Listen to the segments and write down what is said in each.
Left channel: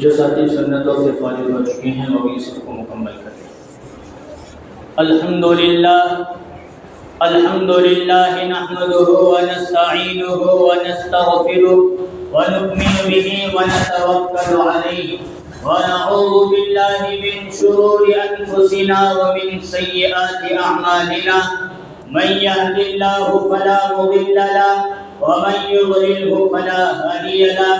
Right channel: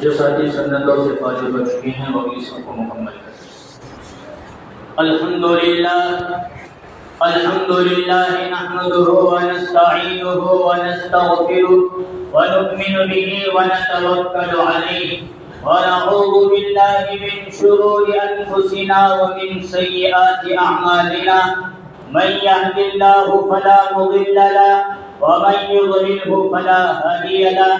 جو ساتھی سنتوں سے فارغ ہو چکے ہیں وہ بھی اس کو مکمل کریں۔ الحمدللہ نحمده ونستعینه ونستغفره ونؤمن به ونتوکل علیہ ونعوذ باللہ من شرور انفسنا ومن سیئات اعمالنا من يهد الله فلا مضل له ومن يضلله فلا هادي له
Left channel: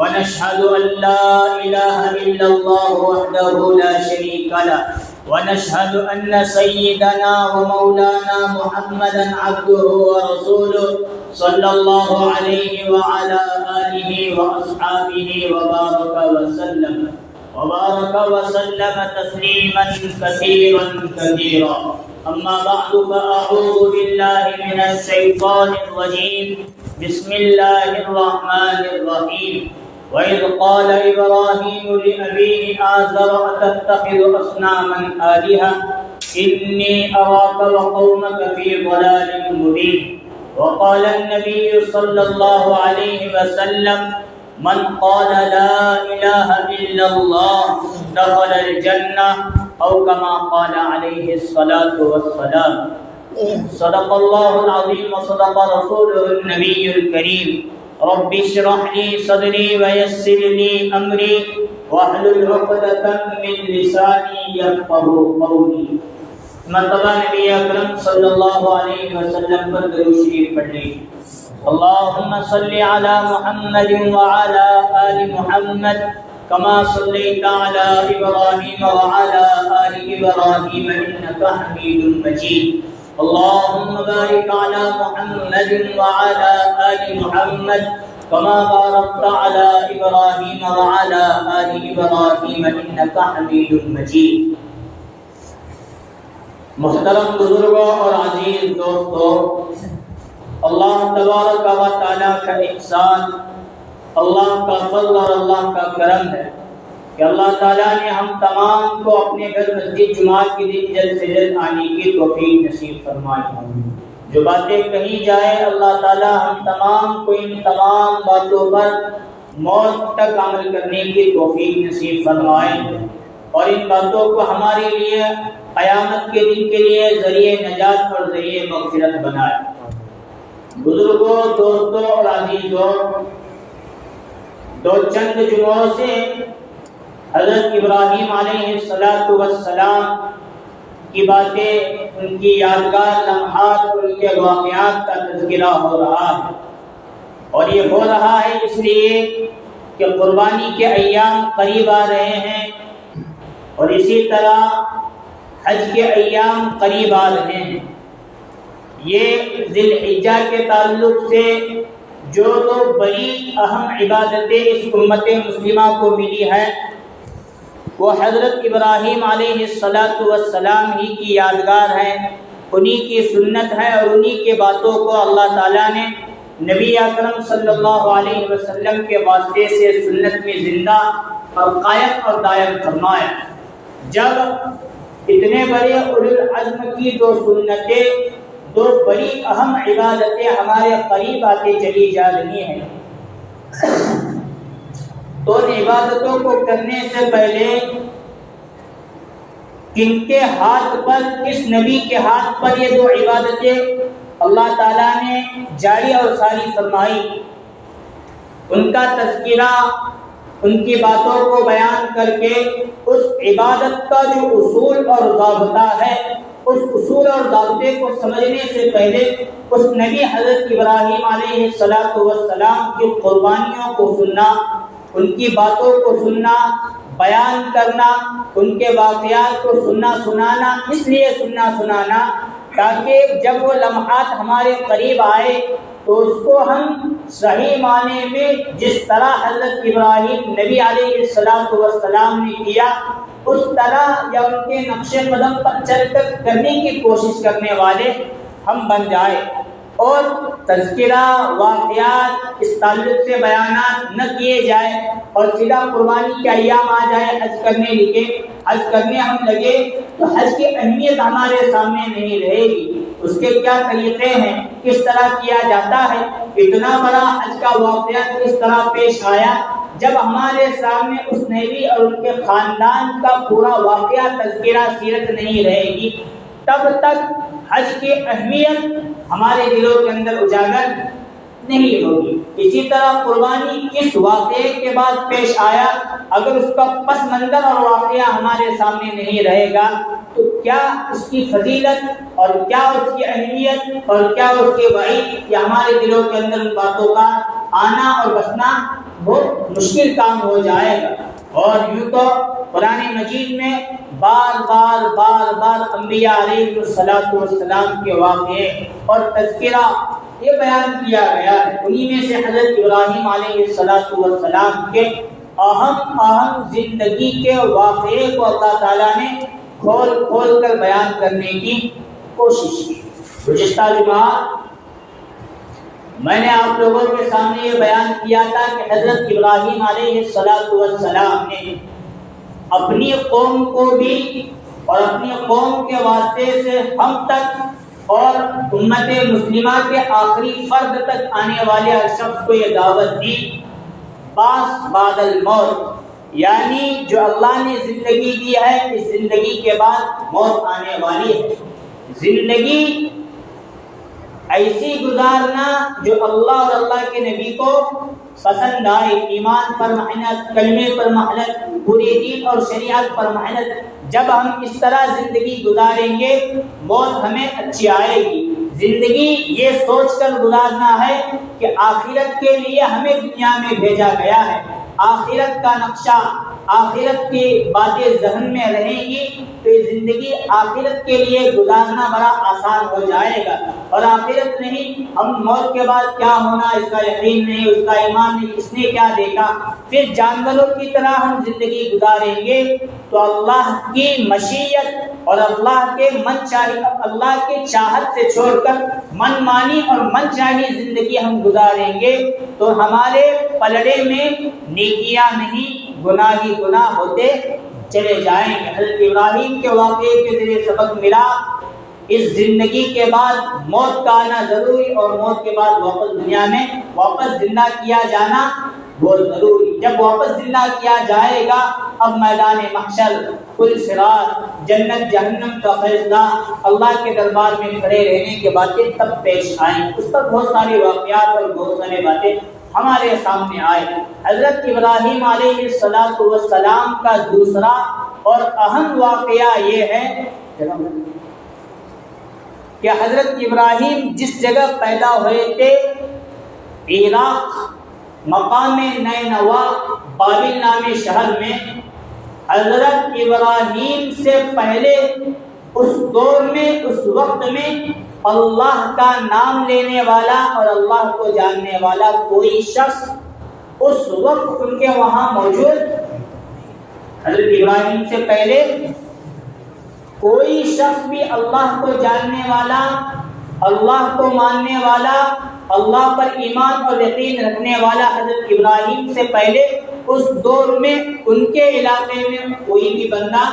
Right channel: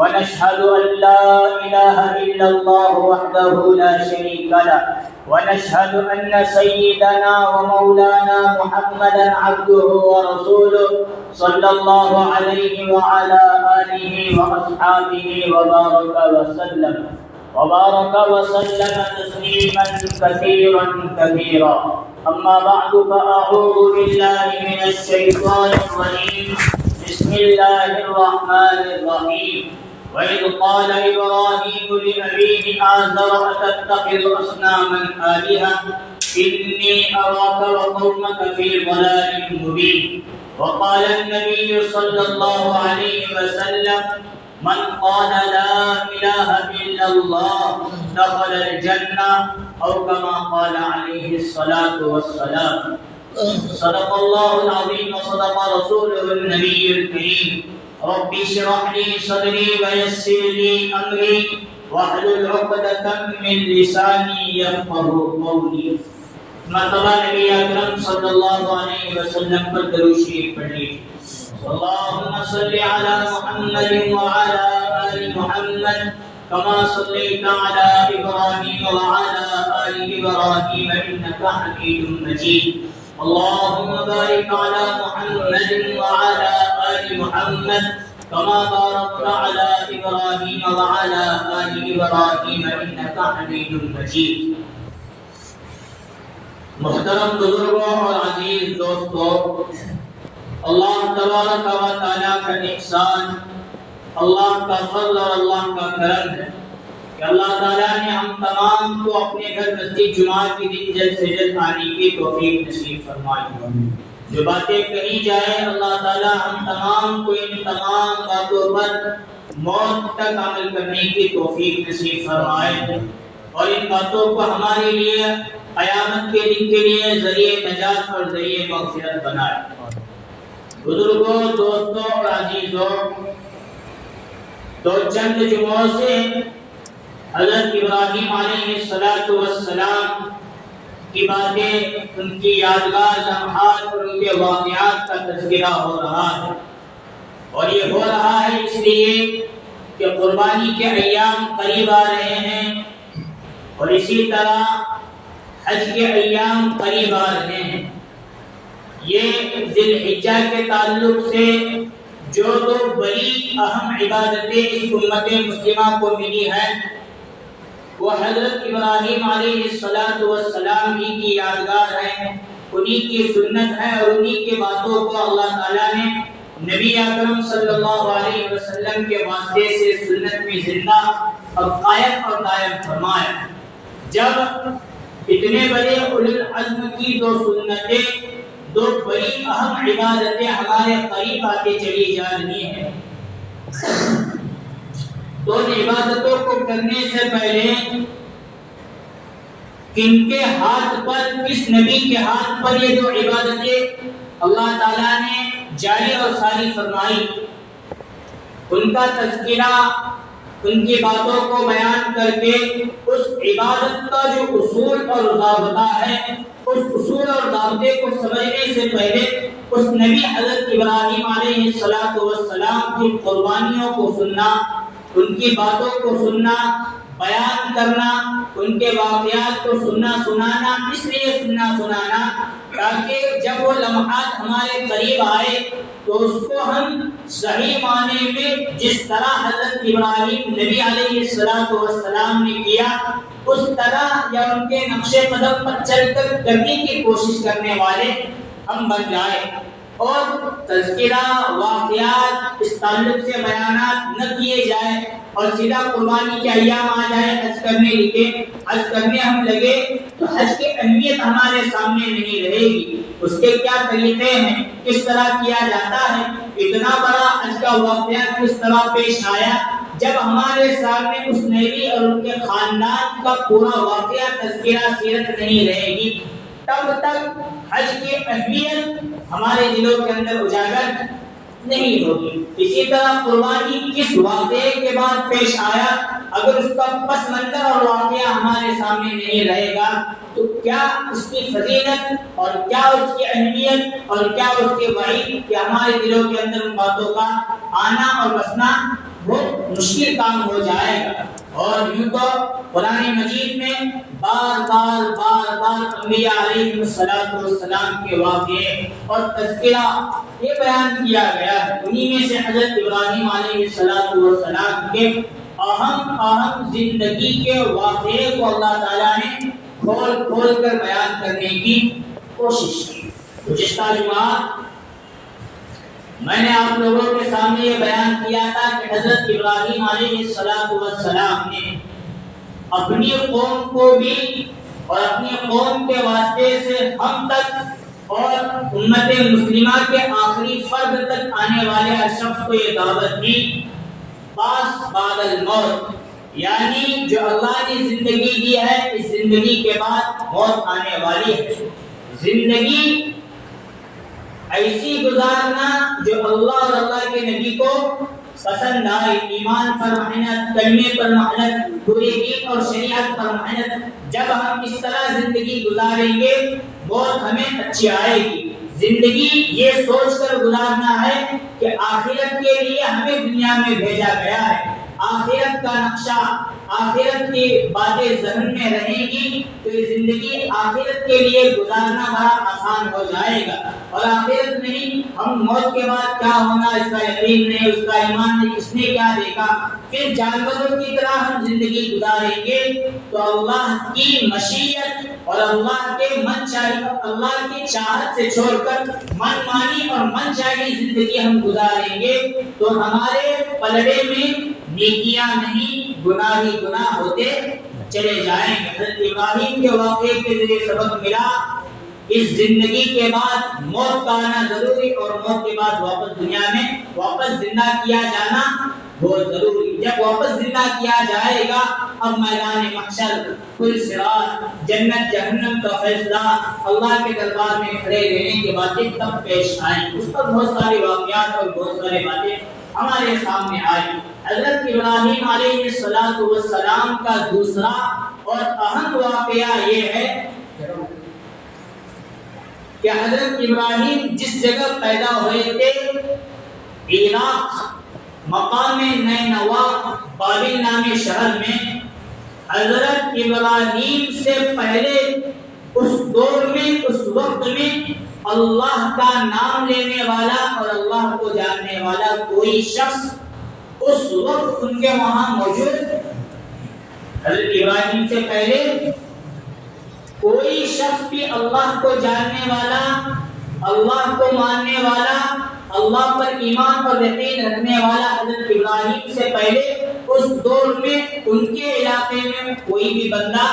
ونشهد أن لا إله إلا الله وحده لا شريك له ونشهد أن سيدنا ومولانا محمدا عبده ورسوله صلى الله عليه وعلى آله وأصحابه وبارك وسلم تسليما كثيرا كثيرا أما بعد فأعوذ بالله من الشيطان الرجيم بسم الله الرحمن الرحيم وإذ قال إبراهيم لأبيه آزر أتتخذ أصناما آلهة إني أراك وقومك في ضلال مبين وقال النبي صلى الله عليه وسلم من قال لا إله إلا الله دخل الجنة أو كما قال عليه الصلاة والسلام صدق الله العظيم وصدق رسوله النبي الكريم رب اشرح لي صدري ويسر لي أمري واحلل عقدة من لساني يفقهوا قولي۔ مرتبہ نبی اکرم صلی اللہ علیہ وسلم پر درود شریف پڑھیں۔ اللهم صل على محمد وعلى آل محمد كما صليت على إبراهيم وعلى آل إبراهيم إنك حميد مجيد اللهم بارك على محمد وعلى آل محمد كما باركت على إبراهيم وعلى آل إبراهيم إنك حميد مجيد۔ محترم بزرگوں اور عزیز دوستوں، اللہ تبارک و تعالیٰ کا احسان، اللہ کا فضل اور اللہ کا کرم ہے کہ اللہ تعالیٰ نے ہم تمام کو اپنے گھر مسجد جمعہ کے دن جلد سے جلد آنے کی توفیق نصیب فرمائے۔ جو باتیں کہی جائے اللہ تعالیٰ ہم تمام کو ان تمام باتوں پر موت تک عمل کرنے کی توفیق نصیب فرمائے اور ان باتوں کو ہمارے لیے قیامت کے دن کے لیے ذریعہ نجات اور ذریعہ مغفرت بنائے۔ بزرگوں، دوستوں اور عزیزوں، دو چند جمعوں سے حضرت ابراہیم علیہ السلام کی باتیں، ان کی یادگار لمحات اور ان کے واقعات کا تذکرہ ہو رہا ہے، اور یہ ہو رہا ہے اس لیے کہ قربانی کے ایام قریب آ رہے ہیں اور اسی طرح حج کے ایام قریب آ رہے ہیں۔ یہ ذی الحجہ کے تعلق سے جو دو بڑی اہم عبادتیں اس امت مسلمہ کو ملی ہے وہ حضرت ابراہیم علیہ السلام ہی کی یادگار ہے، انہی کی سنت ہے اور انہی کے باتوں کو اللہ تعالیٰ نے نبی اکرم صلی اللہ علیہ وسلم کے واسطے سے سنت میں زندہ اور قائم اور دائم فرمایا۔ جب اتنے بڑے اولو العزم کی دو سنتیں، دو بڑی اہم عبادتیں ہمارے قریب آتے چلی جا رہی ہیں تو ان عبادتوں کو کرنے سے پہلے کن کے ہاتھ پر، کس نبی کے ہاتھ پر یہ دو عبادتیں اللہ تعالیٰ نے جاری اور ساری فرمائی، ان کا تذکرہ، ان کی باتوں کو بیان کر کے اس عبادت کا جو اصول اور ضابطہ ہے، اس اصول اور ضابطے کو سمجھنے سے پہلے اس نبی حضرت ابراہیم علیہ السلام کی قربانیوں کو سننا، ان کی باتوں کو سننا، بیان کرنا، ان کے واقعات کو سنانا، اس لیے سنانا تاکہ جب وہ لمحات ہمارے قریب آئے تو اس کو ہم صحیح معنی میں جس طرح حضرت ابراہیم نبی علیہ السلام نے کیا اس طرح یا ان کے نقش قدم پر چل کر کرنے کی کوشش کرنے والے ہم بن جائے، اور تذکرہ، واقعات، اس تعلق سے بیانات نہ کیے جائے اور سیدھا قربانی کے ایام آ جائے، حج کرنے ہم لگے تو حج کی اہمیت ہمارے سامنے نہیں رہے گی، اس کے کیا طریقے ہیں، کس طرح کیا جاتا ہے، اتنا بڑا حج کا واقعہ کس طرح پیش آیا، جب ہمارے سامنے اس نبی اور ان کے خاندان کا پورا واقعہ تذکرہ سیرت نہیں رہے گی تب تک حج کی اہمیت ہمارے دلوں کے اندر اجاگر نہیں ہوگی۔ اسی طرح قربانی کس واقعے کے بعد پیش آیا، اگر اس کا پس منظر اور واقعہ ہمارے سامنے نہیں رہے گا تو کیا اس کی فضیلت اور کیا اس کی اہمیت اور کیا اس کے وعید کہ ہمارے دلوں کے اندر ان باتوں کا آنا اور بسنا بہت مشکل کام ہو جائے گا۔ اور یوں تو قرآن مجید میں بار بار انبیاء علیہ السلام کے واقعے اور تذکرہ یہ بیان کیا گیا ہے۔ انہی میں سے حضرت ابراہیم علیہ السلام کے اہم زندگی کے واقعے کو اللہ تعالیٰ نے کھول کر بیان کرنے کی کوشش کی۔ گزشتہ جمعہ میں نے آپ لوگوں کے سامنے یہ بیان کیا تھا کہ حضرت ابراہیم علیہ السلام نے اپنی قوم کو بھی اور اپنی قوم کے واسطے سے ہم تک اور امت مسلمہ کے آخری فرد تک آنے والے ہر شخص کو یہ دعوت دی، بعث بعد الموت، یعنی جو اللہ نے زندگی دی ہے اس زندگی کے بعد موت آنے والی ہے۔ زندگی ایسی گزارنا جو اللہ اور اللہ کے نبی کو پسند آئے، ایمان پر محنت، کلمے پر محنت، پوری دین اور شریعت پر محنت۔ جب ہم اس طرح زندگی گزاریں گے موت ہمیں اچھی آئے گی۔ زندگی یہ سوچ کر گزارنا ہے کہ آخرت کے لیے ہمیں دنیا میں بھیجا گیا ہے، آخرت کا نقشہ، آخرت کی باتیں ذہن میں رہیں گی تو یہ زندگی آخرت کے لیے گزارنا بڑا آسان ہو جائے گا۔ اور آخرت نہیں، ہم موت کے بعد کیا ہونا اس کا یقین نہیں، اس کا ایمان نہیں، اس نے کیا دیکھا، پھر جانوروں کی طرح ہم زندگی گزاریں گے تو اللہ کی مشیت اور اللہ کے اللہ کی چاہت سے چھوڑ کر من مانی اور من چاہی زندگی ہم گزاریں گے تو ہمارے پلڑے میں نیکیاں نہیں گناہ ہی گناہ ہوتے چلے جائیں گے۔ حضرت ابراہیم کے واقعے کے ذریعے سبق ملا اس زندگی کے بعد موت کا آنا ضروری اور موت کے بعد واپس دنیا میں واپس زندہ کیا جانا بہت ضروری۔ جب واپس زندہ کیا جائے گا اب میدان محشر، پل صراط، جنت جہنم کا فیصلہ، اللہ کے دربار میں کھڑے رہنے کی باتیں تب پیش آئیں۔ اس پر بہت سارے واقعات اور بہت سارے باتیں ہمارے سامنے آئے۔ حضرت ابراہیم علیہ السلام کا دوسرا اور اہم واقعہ یہ ہے کہ حضرت ابراہیم جس جگہ پیدا ہوئے تھے عراق مقام نینوا بابل نامی شہر میں، حضرت ابراہیم سے پہلے اس دور میں اس وقت میں اللہ کا نام لینے والا اور اللہ کو جاننے والا کوئی شخص اس وقت ان کے وہاں موجود، حضرت ابراہیم سے پہلے کوئی شخص بھی اللہ کو جاننے والا، اللہ کو ماننے والا، اللہ پر ایمان اور یقین رکھنے والا حضرت ابراہیم سے پہلے اس دور میں ان کے علاقے میں کوئی بھی بندہ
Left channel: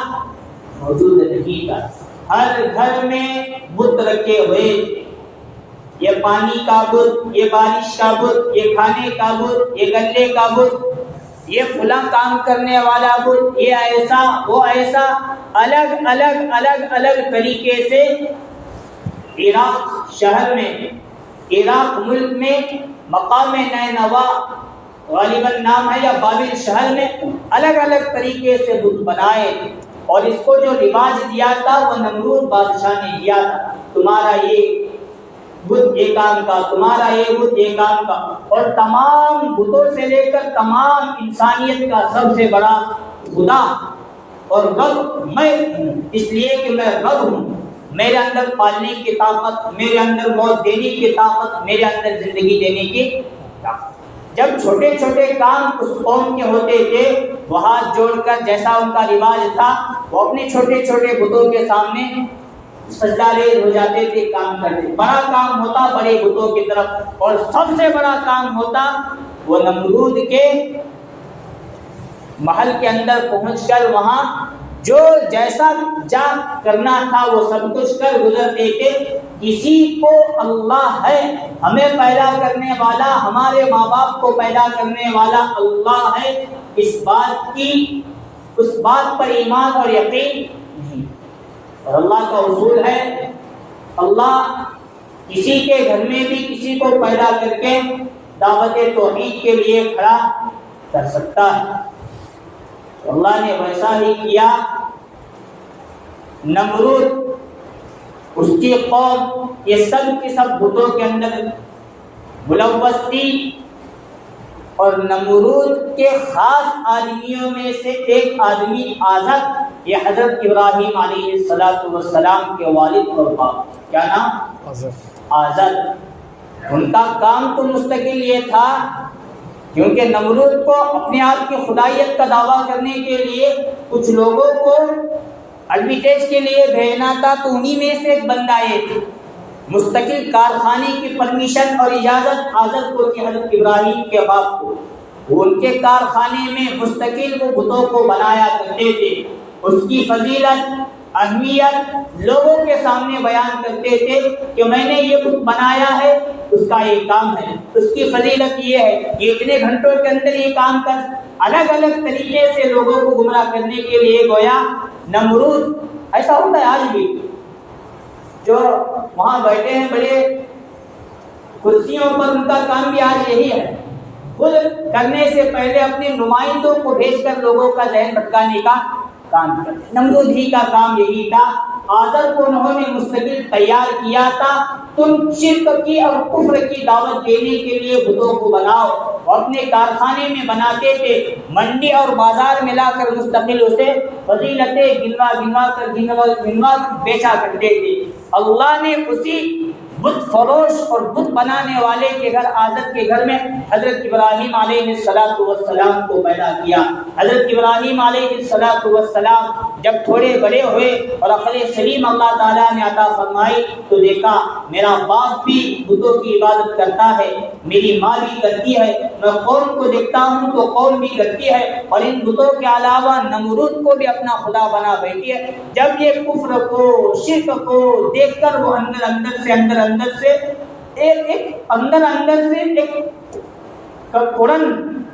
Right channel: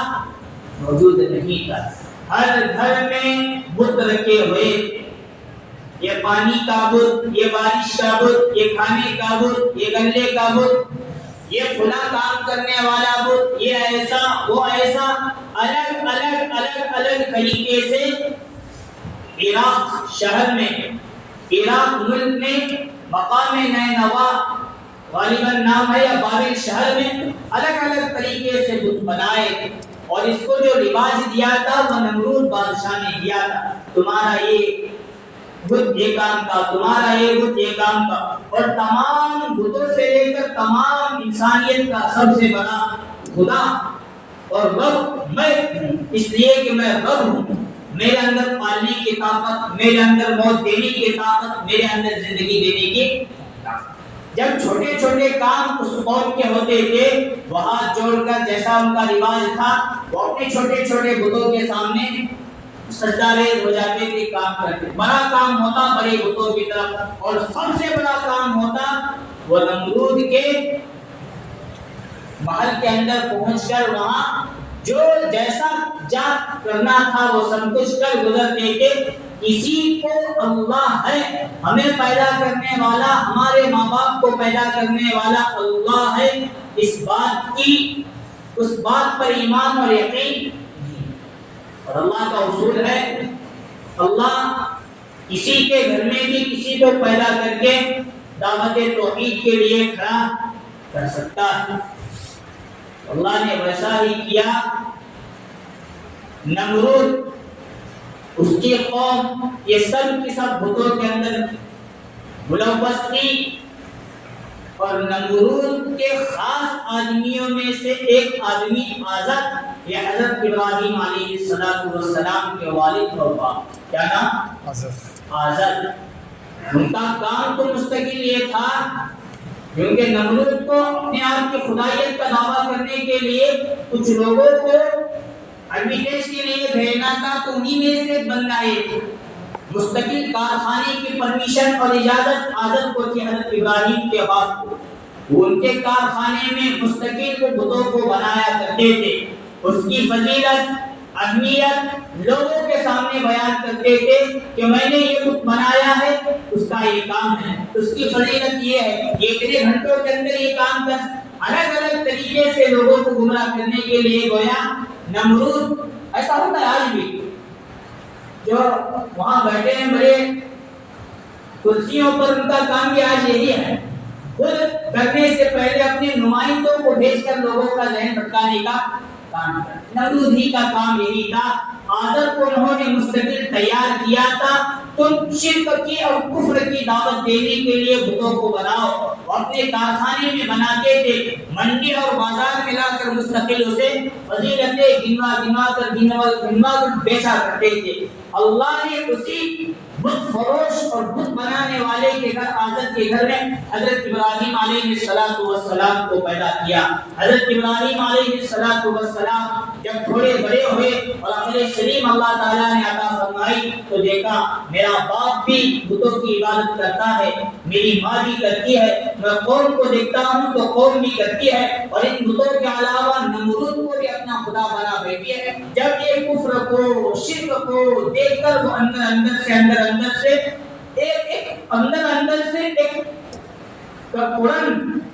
موجود نہیں تھا۔ ہر گھر میں بت رکھے ہوئے، یہ پانی کا بت، یہ بارش کا بت، یہ کھانے کا بت، یہ گلے کا بت، یہ فلاں کام کرنے والا بت، یہ ایسا وہ ایسا، الگ الگ الگ الگ طریقے سے عراق شہر میں، عراق ملک میں مقام نینوا غالباً نام ہے یا بابل شہر میں الگ الگ طریقے سے بت بنائے اور اس کو جو رواج دیا تھا وہ نمرود بادشاہ نے دیا تھا، تمہارا یہ بت یہ کام کا، تمہارا یہ بت یہ کام کا، اور تمام بتوں سے لے کر تمام انسانیت کا سب سے بڑا خدا اور رب میں ہوں، اس لیے کہ میں رب ہوں، میرے اندر پالنے کی طاقت، میرے اندر موت دینے کی طاقت، میرے اندر زندگی دینے کی طاقت۔ جب چھوٹے چھوٹے کام اس قوم کے ہوتے تھے وہ ہاتھ جوڑ کر جیسا ان کا رواج تھا وہ اپنے چھوٹے چھوٹے بتوں کے سامنے سجدہ ریز ہو جاتے تھے، کام کرتے۔ بڑا کام ہوتا بڑے بتوں کی طرف، اور سب سے بڑا کام ہوتا وہ نمرود کے محل کے اندر پہنچ کر وہاں جو جیسا جا کرنا تھا وہ سب کچھ کر گزرتے تھے، کسی کو اللہ ہے، ہمیں پیدا کرنے والا، ہمارے ماں باپ کو پیدا کرنے والا اللہ ہے، اس بات پر ایمان اور یقین نہیں۔ اور اللہ کا اصول ہے، اللہ کسی کے گھر میں بھی کسی کو پیدا کر کے دعوت توحید کے لیے کھڑا کر سکتا ہے۔ اللہ نے ویسا ہی کیا۔ نمرود، اس کی قوم، یہ سب کی سب بتوں کے اندر ملوث تھی، اور نمرود کے خاص آدمیوں میں سے ایک آدمی آزر، یہ حضرت ابراہیم علیہ السلام کے والد اور باپ، کیا نام؟ آزر۔ ان کا کام تو مستقل یہ تھا، کیونکہ نمرود کو اپنے آپ کی خدائیت کا دعویٰ کرنے کے لیے کچھ لوگوں کو البیٹیج کے لیے بھیجنا تھا، تو انہی میں سے ایک بندہ ایک مستقل کارخانے کی پرمیشن اور اجازت آزر کو تھی، حضرت ابراہیم کے باپ کو۔ وہ ان کے کارخانے میں مستقل وہ بتوں کو بنایا کرتے تھے، اس کی فضیلت، اہمیت لوگوں کے سامنے بیان کرتے تھے کہ میں نے یہ بت بنایا ہے، اس کا یہ کام ہے، اس کی فضیلت یہ ہے، یہ اتنے گھنٹوں کے اندر یہ کام کر، الگ الگ طریقے سے لوگوں کو گمراہ کرنے کے لیے گویا نمرود۔ ایسا ہوتا ہے آج بھی، جو وہاں بیٹھے ہیں بڑے کرسیوں پر، ان کا کام بھی آج یہی ہے، خود کرنے سے پہلے اپنے نمائندوں کو بھیج کر لوگوں کا ذہن بھٹکانے کا کام کرتے۔ نمرود ہی کا کام یہی تھا۔ آزر کو انہوں نے مستقل تیار کیا تھا، تم شرک کی اور کفر کی دعوت دینے کے لیے بتوں کو بناؤ، اور اپنے کارخانے میں بناتے تھے، منڈی اور بازار میں لا کر مستقل اسے فضیلتیں گنوا کر بیچا کرتے تھے۔ اللہ نے اسی بت فروش اور بت بنانے والے کے گھر، آزر کے گھر میں حضرت ابراہیم علیہ السلام کو پیدا کیا۔ حضرت ابراہیم علیہ السلام جب تھوڑے بڑے ہوئے اور عقل سلیم اللہ تعالیٰ نے عطا فرمائی، تو دیکھا میرا باپ بھی بتوں کی عبادت کرتا ہے، میری ماں بھی کرتی ہے، میں قوم کو دیکھتا ہوں تو قوم بھی کرتی ہے، اور ان بتوں کے علاوہ نمرود کو بھی اپنا خدا بنا بیٹھی ہے۔ جب یہ کفر کو، شرک کو دیکھ کر وہ اندر سے ایک کڑن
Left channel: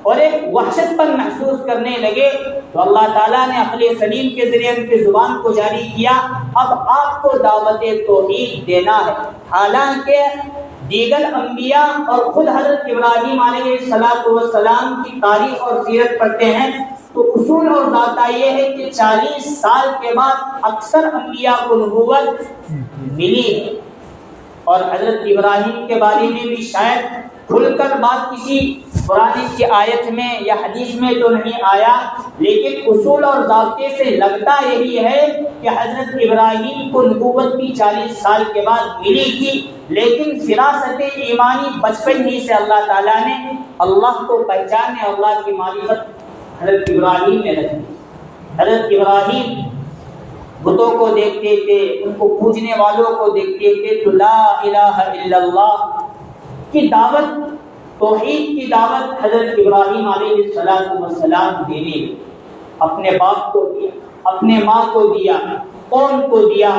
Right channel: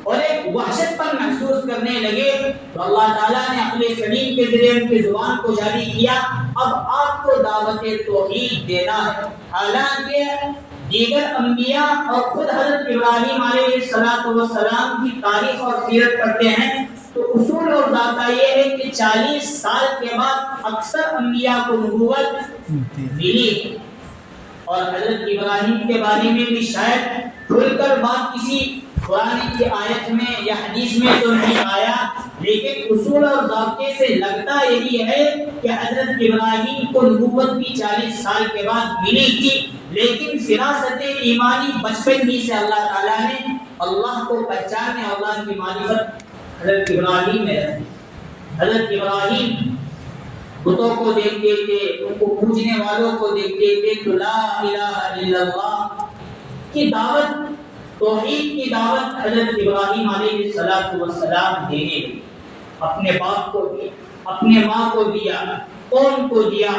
اور ایک وحشت پر محسوس کرنے لگے، تو اللہ تعالیٰ نے عقل سلیم کے ذریعے ان کی زبان کو جاری کیا، اب آپ کو دعوت توحید دینا ہے۔ حالانکہ دیگر انبیاء اور خود حضرت ابراہیم علیہ السلام کی تاریخ اور سیرت پڑھتے ہیں تو اصول اور ضابطہ یہ ہے کہ 40 سال کے بعد اکثر انبیاء کو نبوت ملی ہے، اور حضرت ابراہیم کے بارے میں بھی شاید کھل کر بات کسی قرآن کی آیت میں یا حدیث میں تو نہیں آیا، لیکن اصول اور ضابطے سے لگتا یہی ہے کہ حضرت ابراہیم کو نبوت بھی 40 سال کے بعد ملی تھی، لیکن فراست ایمانی بچپن ہی سے اللہ تعالیٰ نے اللہ کو پہچانے، اللہ کی معرفت حضرت ابراہیم میں رکھی۔ حضرت ابراہیم بتوں کو دیکھتے تھے، ان کو پوجنے والوں کو دیکھتے تھے، تو لا الہ الا اللہ کی دعوت، توحید کی دعوت حضرت ابراہیم علیہ السلام دینے لگے۔ اپنے باپ کو دیا، اپنے ماں کو دیا، قوم کو دیا،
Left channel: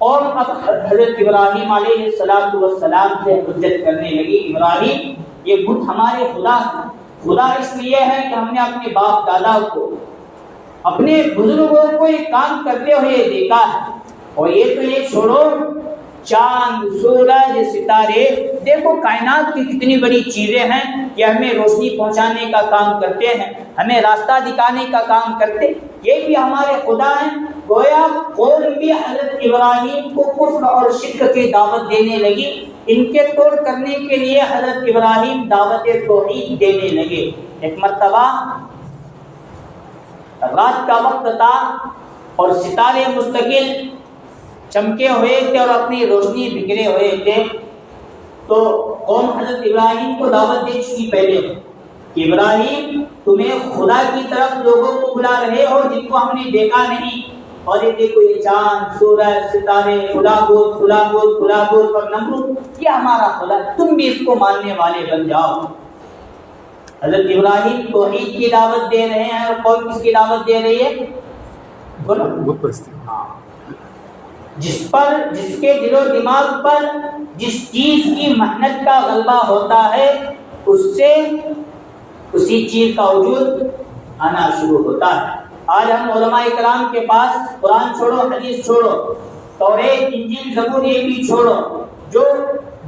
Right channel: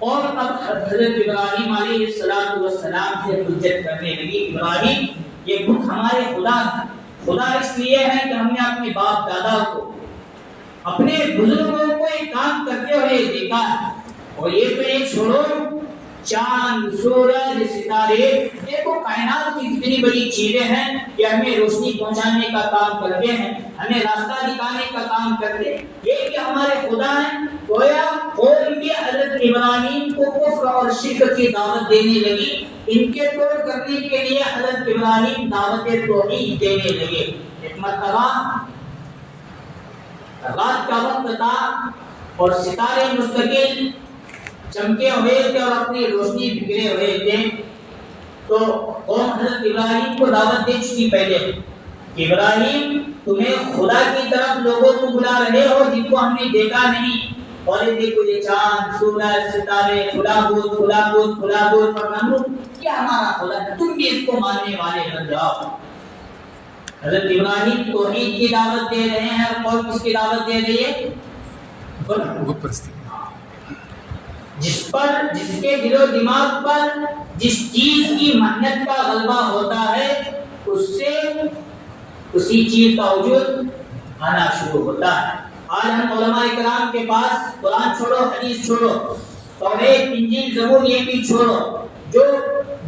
اور اب حضرت ابراہیم علیہ السلام سے حجت کرنے لگی، ابراہیم یہ بت ہمارے خدا ہیں، خدا اس لیے ہے کہ ہم نے اپنے باپ دادا کو، اپنے بزرگوں کو یہ کام کرتے ہوئے دیکھا ہے، اور یہ تو یہ چھوڑو، چاند، سورج، ستارے، دیکھو کائنات کی کتنی بڑی چیزیں ہیں، یہ ہمیں روشنی پہنچانے کا کام کرتے ہیں، ہمیں راستہ دکھانے کا کام کرتے، یہ بھی ہمارے خدا ہیں۔ گویا قوم بھی حضرت ابراہیم کو کفر اور شرک کی دعوت دینے لگی، ان کے توڑ کرنے کے لیے حضرت ابراہیم دعوت توحید دینے لگے۔ ایک مرتبہ رات کا وقت تھا اور ستارے مستقل چمکے ہوئے تھے اور اپنی روشنی بکھرے ہوئے تھے، تو قوم حضرت ابراہیم کو دعوت دے چکی پہلے کہ ابراہیم تمہیں خدا کی طرف لوگوں کو بلا رہے ہو جن کو ہم نے دیکھا نہیں، اور یہ دیکھو یہ چاند، سورج، ستارے، خدا بود پر نمرود، یہ ہمارا خدا، تم بھی اس کو ماننے والے بن جاؤ۔ حضرت ابراہیم توحید کی دعوت دے رہے ہیں، اور قوم کس کی دعوت دے رہی ہے؟ بت پرستی۔ جس کے دل و دماغ پر جس چیز کی محنت کا غلبہ ہوتا ہے اس سے اسی چیز کا وجود آنا شروع ہوتا ہے۔ آج ہم علماء اکرام کے پاس قرآن چھوڑو، حدیث چھوڑو، توریت، انجیل، زبور یہ بھی چھوڑو، جو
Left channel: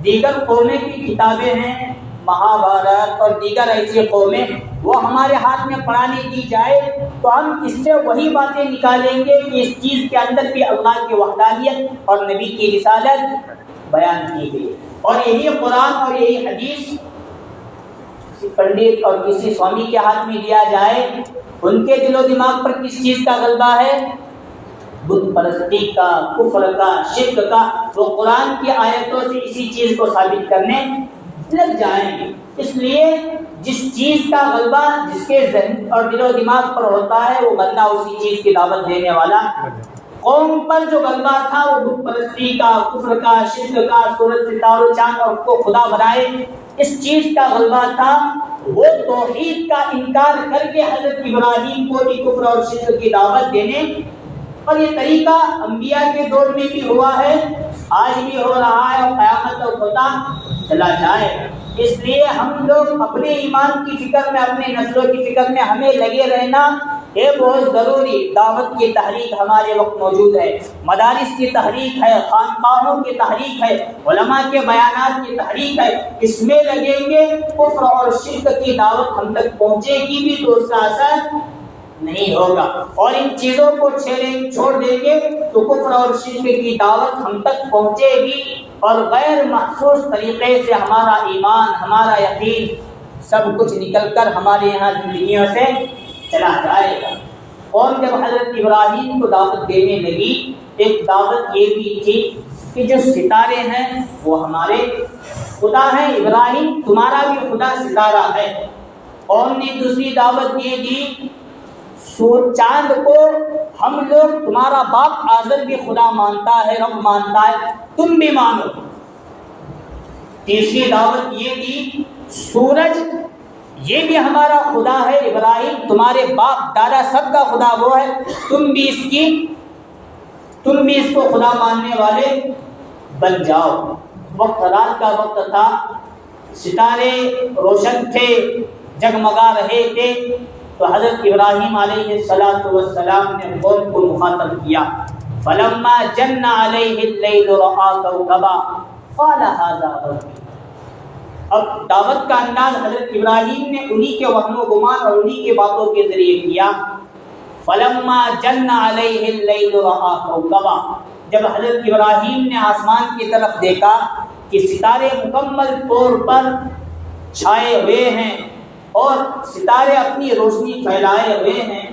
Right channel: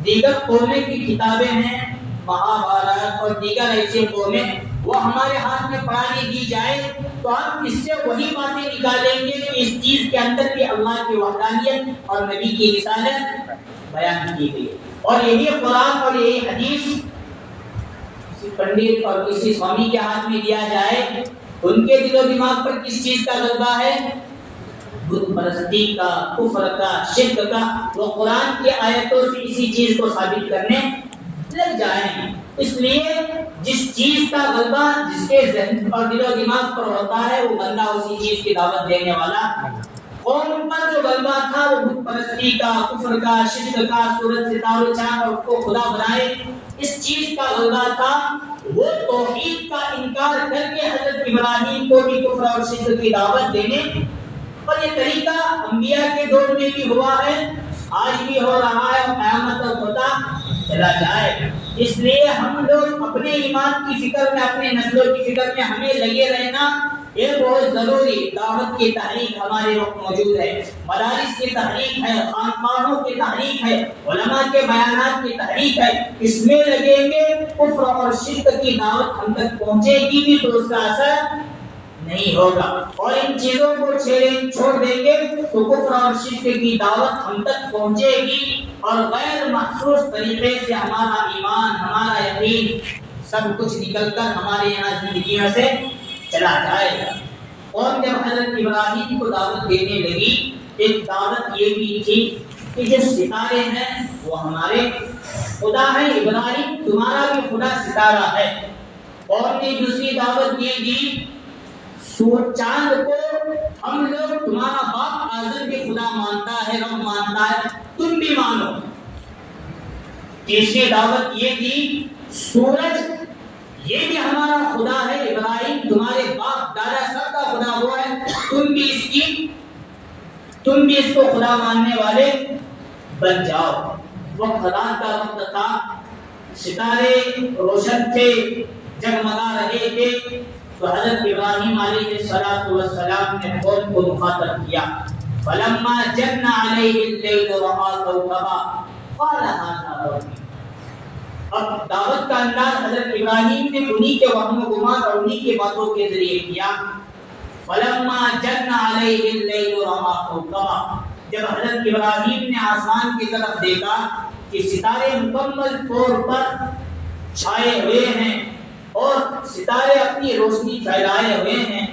دیگر قومیں کی کتابیں ہیں، مہابھارت اور دیگر ایسی قومیں، وہ ہمارے ہاتھ میں پڑھانے دی جائے تو ہم اس سے وہی باتیں نکالیں گے کہ اس چیز کے اندر بھی اللہ کی وحدانیت اور نبی کی رسالت بیان کی گئی ہے۔ اور یہی قرآن اور یہی حدیث کسی پنڈت اور کسی سوامی کے ہاتھ میں دیا جائے، ان کے دل و دماغ پر کس چیز کا غلبہ ہے؟ بت پرستی کا، کفر کا، شرک کا۔ وہ قرآن کی آیتوں سے اسی چیز کو ثابت کرنے لگ جائیں۔ اس لیے جس چیز کا غلبہ جس کے ذہن اور دل و دماغ پر ہوتا ہے وہ بندہ اسی چیز کی دعوت دینے والا۔ قوم پر جو غلبہ تھا وہ بت پرستی کا، کفر کا، شرک کا، سورج ستاروں چاند اور کو خدا بنائے، اس چیز کا غلبہ تھا۔ وہ توحید کا انکار کر کے حضرت ابراہیم کو بھی کفر اور شرک کی دعوت دینے، اور یہ طریقہ انبیاء کے دور میں بھی ہوا ہے، آج بھی ہو رہا ہے اور قیامت تک ہوتا چلا جائے۔ اس لیے ہم لوگ اپنے ایمان کی فکر میں، اپنے نسلوں کی فکر میں ہمیں لگے رہنا ہے بہت ضروری۔ دعوت کی تحریک ہمارے وقت موجود ہے، مدارس کی تحریک ہے، خانقاہوں کی تحریک ہے، علماء کے بیانات کی تحریک ہے۔ اس میں لگیں گے، کفر اور شرک کی دعوت ہم تک پہنچے گی بھی تو اس کا اثر نہیں ہوگا، اور ان چیزوں کو چھوڑ دیں گے تو کفر اور شرک کی دعوت ہم تک پہنچے گی، اور غیر محسوس طریقے سے ہمارا ایمان، ہمارا یقین سب کچھ نکل کر ہمارے یہاں زندگیوں سے چلا جائے گا۔ اور جب حضرت ابراہیم کو دعوت دینے لگی، ایک دعوت یہ بھی تھی کہ جو ستارے ہیں وہ ہمارے خدا ہیں، ابراہیم تمہارا بھی خدا ستارہ ہے۔ اور نے دوسری دعوت یہ دی، چاند کو ہم لوگ تمہارا باپ آزر بھی خدا مانتا ہے، رب مانتا ہے، تم بھی مانو۔ تیسری دعوت یہ دی، سورج یہ بھی ہمارا خدا ہے، ابراہیم تمہارے باپ دادا سب کا خدا وہ ہے، تم بھی اس کو خدا ماننے والے بن جاؤ۔ وقت رات کا وقت تھا، ستارے روشن تھے، جگمگا رہے تھے، تو حضرت ابراہیم علیہ السلام نے قوم کو مخاطب کیا، فلما جن علیہ اللیل رأى کوكبا قال هذا ربی۔ اب دعوت کا انداز حضرت ابراہیم نے انہی کے وہم و گمان اور انہی کے باتوں کے ذریعے کیا۔ فلما جن علیہ اللیل رأى کوكبا، جب حضرت ابراہیم نے آسمان کی طرف دیکھا کہ ستارے مکمل طور پر چھائے ہوئے ہیں اور ستارے اپنی روشنی پھیلائے ہوئے ہیں،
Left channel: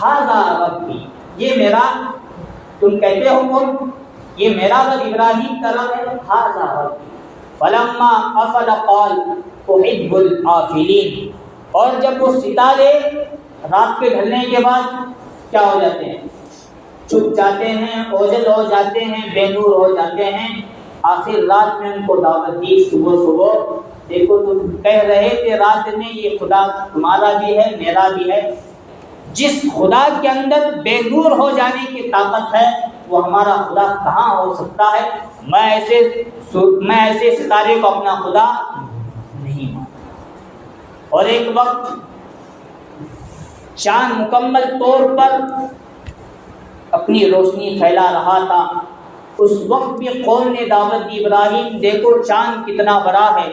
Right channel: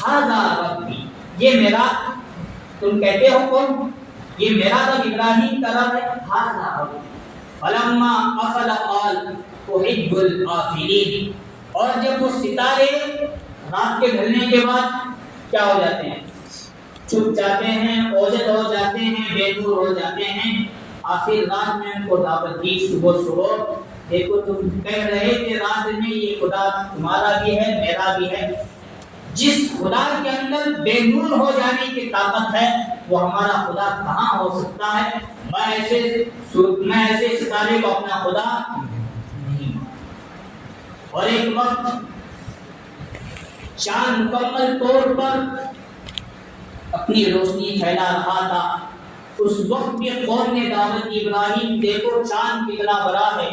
ھذا ربی، یہ میرا، تم کہتے ہو کون؟ یہ میرا تو ابراہیم کا رب ہے، ھذا ربی۔ فلما افل قال احب الآفلین، اور جب وہ ستارے رات کے ڈھلنے کے بعد کیا ہو جاتے ہیں؟ چھپ جاتے ہیں، اوجل ہو جاتے ہیں، بے نور ہو جاتے ہیں۔ آخر رات میں ان کو دعوت دی، صبح دیکھو تم کہہ رہے کہ رات میں یہ خدا تمہارا بھی ہے، میرا بھی ہے، جس خدا کے اندر بے نور ہو جانے کی طاقت ہے وہ ہمارا خدا کہاں ہو سکتا ہے؟ میں ایسے ستارے کو اپنا خدا نہیں مانتا۔ اور ایک وقت چاند مکمل طور پر اپنی روشنی پھیلا رہا تھا، اس وقت بھی قوم نے دعوت دی، ابراہیم دیکھو چاند کتنا بڑا ہے،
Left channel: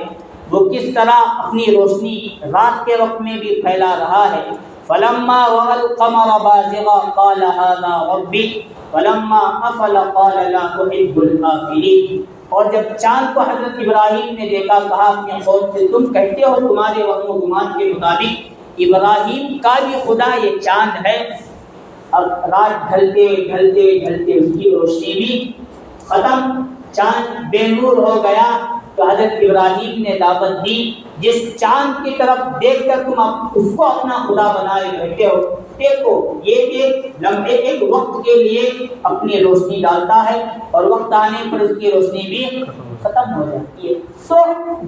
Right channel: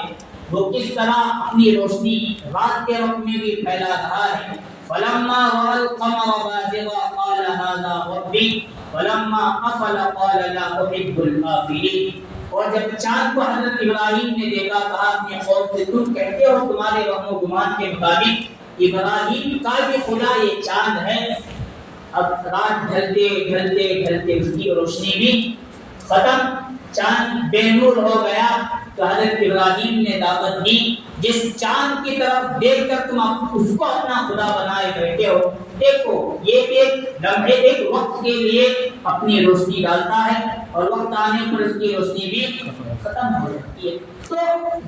وہ کس طرح اپنی روشنی رات کے وقت میں بھی پھیلا رہا ہے۔ فلما رأى القمر بازغا قال هذا ربي فلما افل قال لا احب الآفلين۔ اور جب چاند کو حضرت ابراہیم نے دیکھا، کہا اپنے قوم سے، تم کہتے ہو تمہارے وہم و گمان کے مطابق ابراہیم کا بھی خدا یہ چاند ہے۔ اب رات ڈھلتے ڈھلتے ڈھلتے اس کی روشنی بھی ختم، چاند بے نور ہو گیا، تو حضرت ابراہیم نے دعوت دی، جس چاند کی طرف دیکھ کر تم اس کو اپنا خدا بنائے بیٹھے ہو، دیکھو یہ ایک لمحے، ایک وقت کے لیے اپنی روشنی ڈالتا ہے اور وقت آنے پر اس کی روشنی بھی ختم ہو جاتی ہے۔ تو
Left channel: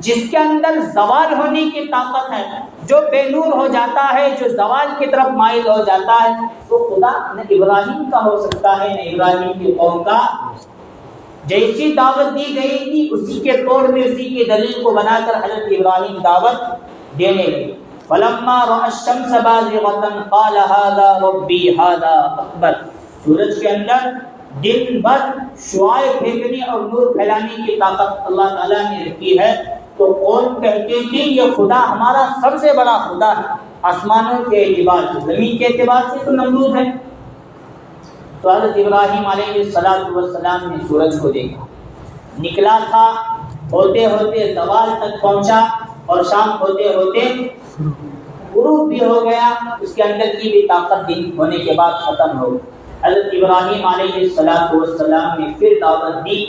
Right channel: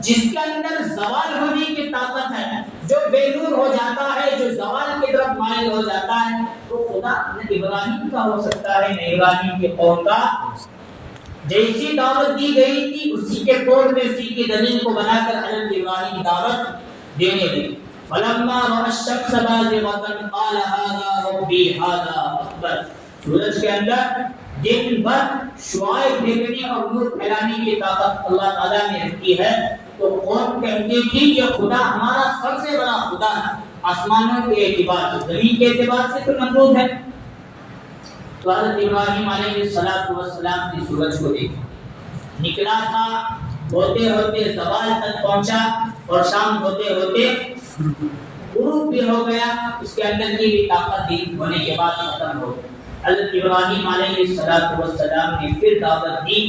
جس کے اندر زوال ہونے کی طاقت ہے، جو بے نور ہو جاتا ہے، جو زوال کی طرف مائل ہو جاتا ہے وہ خدا نہ ابراہیم کا ہو سکتا ہے نہ ابراہیم کے قوم کا. جیسی دعوت دی گئی تھی اسی کے طور پہ اسی کی دلیل کو بنا کر حضرت ابراہیم دعوت دینے لگے. فلما رأى الشمس بازغة قال هذا ربي هذا اکبر. سورج کے اندر دن بھر شعاع پھینکنے اور نور پھیلانے کی طاقت اللہ تعالیٰ نے رکھی ہے. تو قوم کہتی تھی کہ خدا ہمارا سب سے بڑا خدا ہے. آسمانوں کے اعتبار سے زمین کے اعتبار سے تو نمرود ہے. تو حضرت ابراہیم علیہ السلام نے سورج کو دیکھا, نکلا تھا, ہوتے ہوتے زوال تک پہنچا اور شام ہوتے ہوتے غروب بھی ہو گیا. اس کے اندر کی بھی طاقت دن ہونے کے بعد ختم ہو گئی. حضرت ابراہیم علیہ السلام نے پھر دعوت دی.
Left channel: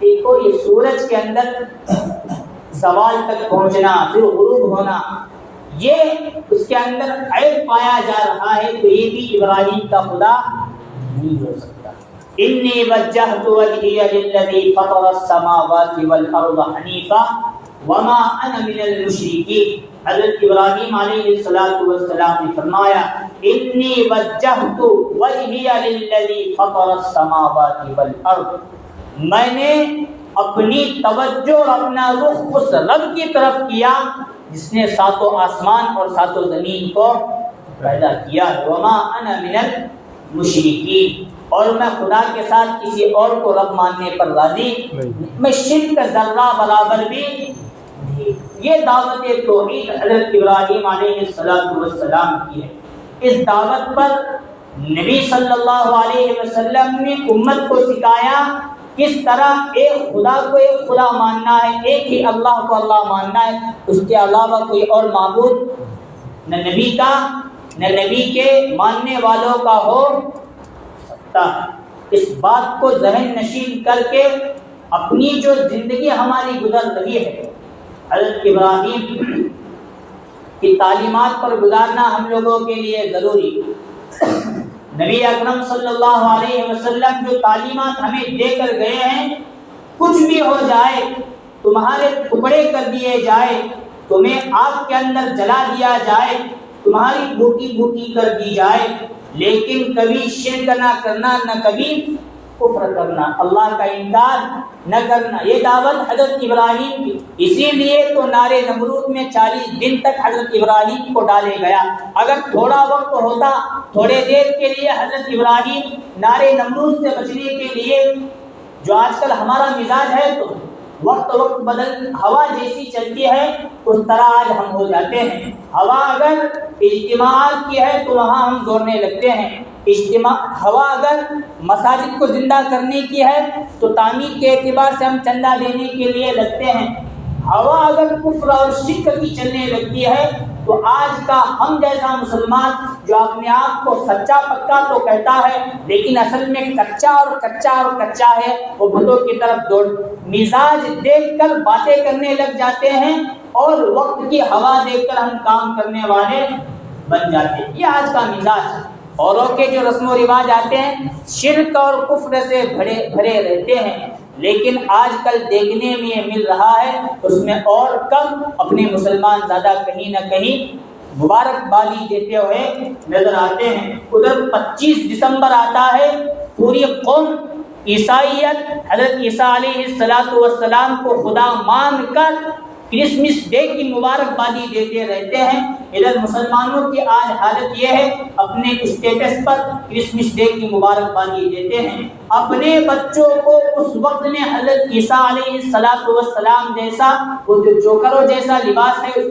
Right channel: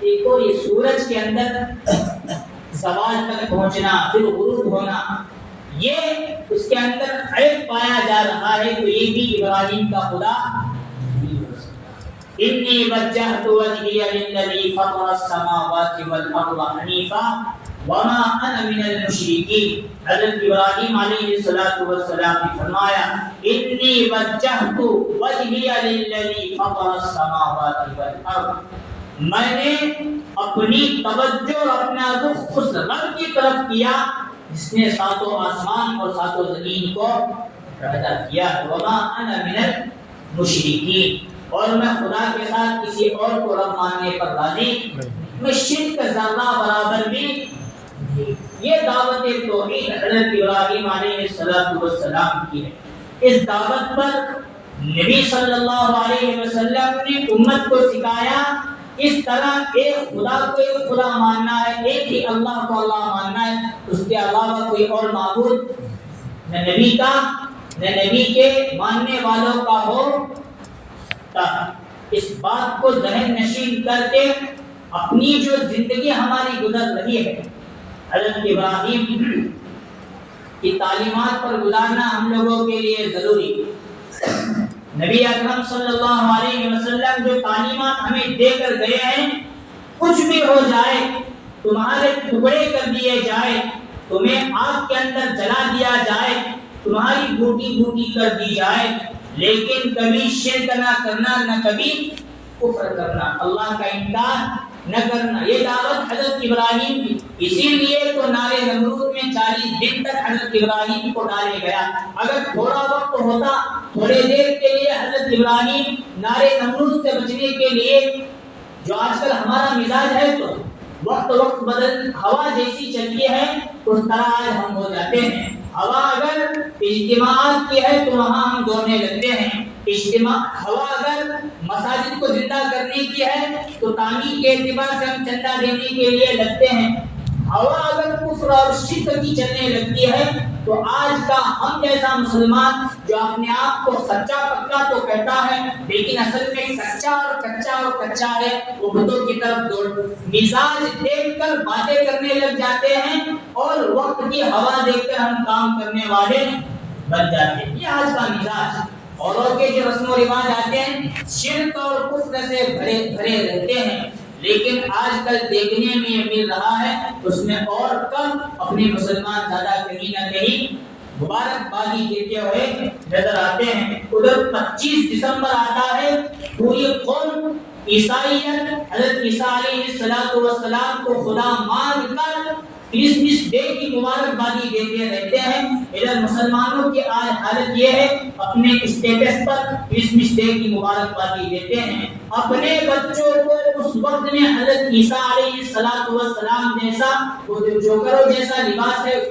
دیکھو یہ سورج کے اندر زوال تک پہنچنا پھر غروب ہونا یہ اس کے اندر عیب پایا جا رہا ہے, تو یہ بھی ابراہیم کا خدا نہیں ہو سکتا. انی وجہت وجہی للذی فطر السماوات والارض حنیفا وما انا من المشرکین. حضرت ابراہیم علیہ السلام نے فرمایا انی وجہت وجہی للذی فطر السماوات والارض, میں نے اپنی توجہ اور اپنا رخ اس رب کی طرف کیا جس نے ساتوں آسمان اور ساتوں زمین کو پیدا کیا. وما انا من المشرکین, اور میں خدا کے ساتھ کسی اور کو رب ماننے پر راضی, میں شرک کا ذرہ برابر بھی. یہ دعوت توحید حضرت ابراہیم علیہ السلام کی ہے. اس دعوت پر نبی صلی اللہ علیہ وسلم نے امت کو سکھایا کس طرح ایک خدا کو ایک خدا ماننا ہے, ایک ہی اللہ کو اللہ ماننا ہے, اس کے علاوہ کوئی اور معبود نہ نبی کا نہ نبی کے ماننے والوں کا ہو سکتا ہے. اس بات کو ذہن نشین کر کے اپنی جو زندگی ہماری گزر رہی ہے حضرت ابراہیم کی تعلیمات پر گزارنا ہم لوگوں کے لیے ضروری. نبی اکرم صلی اللہ علیہ وسلم جو تعلیمات ہمیں دے کر گئے ہیں, کچھ بھی ہو جائے, تمہارے ٹکڑے کر دیے جائے, تمہیں آگ کے اندر جلا دیا جائے, تمہاری بوٹی بوٹی کر دی جائے, لیکن کبھی شرک نہ کرنا, نہ کبھی کفر کرنا, اللہ کا انکار نہ کرنا. یہ دعوت حضرت ابراہیم کی. اسی لیے تو نارے نمرود میں 40 دن تک حضرت ابراہیم کو ڈالے گیا. اگر تھوڑا وقت ہوتا, تھوڑے دیر کے لیے حضرت ابراہیم نارے نمرود سے بچنے کے لیے, جو آج کل ہمارا مزاج ہے تو وقت بدل ہوا جیسی چلتی ہے اس طرح آج ہم ہو جاتے ہیں. ہوا اگر اجتماعات کی ہے تو وہاں ہم دوڑنے لگتے ہیں. ہوا اگر مساجد کو زندہ کرنے کی ہے تو تعمیر کے اعتبار سے ہم چندہ دینے کے لیے لگتے ہیں. ہوا اگر کفر اور شرک کی چلنے لگتی ہے تو آج کا ہم جیسا مسلمان جو اپنے آپ کو سچا پکا تو کہتا ہے لیکن اصل میں کچا ہے, وہ بتوں کی طرف دوڑ مزاج دیکھ کر باتیں کرنے لگ جاتے ہیں اور وقت کی ہوا دیکھ کر ہم کام کرنے والے بن جاتے ہیں. یہ آج کا مزاج. اوروں کے جو رسم و رواج آتے ہیں شرک اور کفر سے بھرے رہتے ہیں, لیکن آج کل دیکھنے میں یہ مل رہا ہے اس میں اور کم اپنے مسلمان زیادہ کہیں نہ کہیں مبارکبادی دیتے ہوئے نظر آتے ہیں. ادھر 25 دسمبر آتا ہے, پوری قوم عیسائیت حضرت عیسیٰ علیہ السلام کو خدا مان کر کرسمس ڈے کی مبارکبادی دیتے رہتے ہیں. ادھر مسلمانوں کی آج حالت یہ ہے اپنے اسٹیٹس پر کرسمس ڈے کی مبارکبادی دیتے ہیں. اپنے بچوں کو اس وقت میں حضرت عیسیٰ علیہ السلام جیسا وہ جو جوکروں جیسا لباس ہے,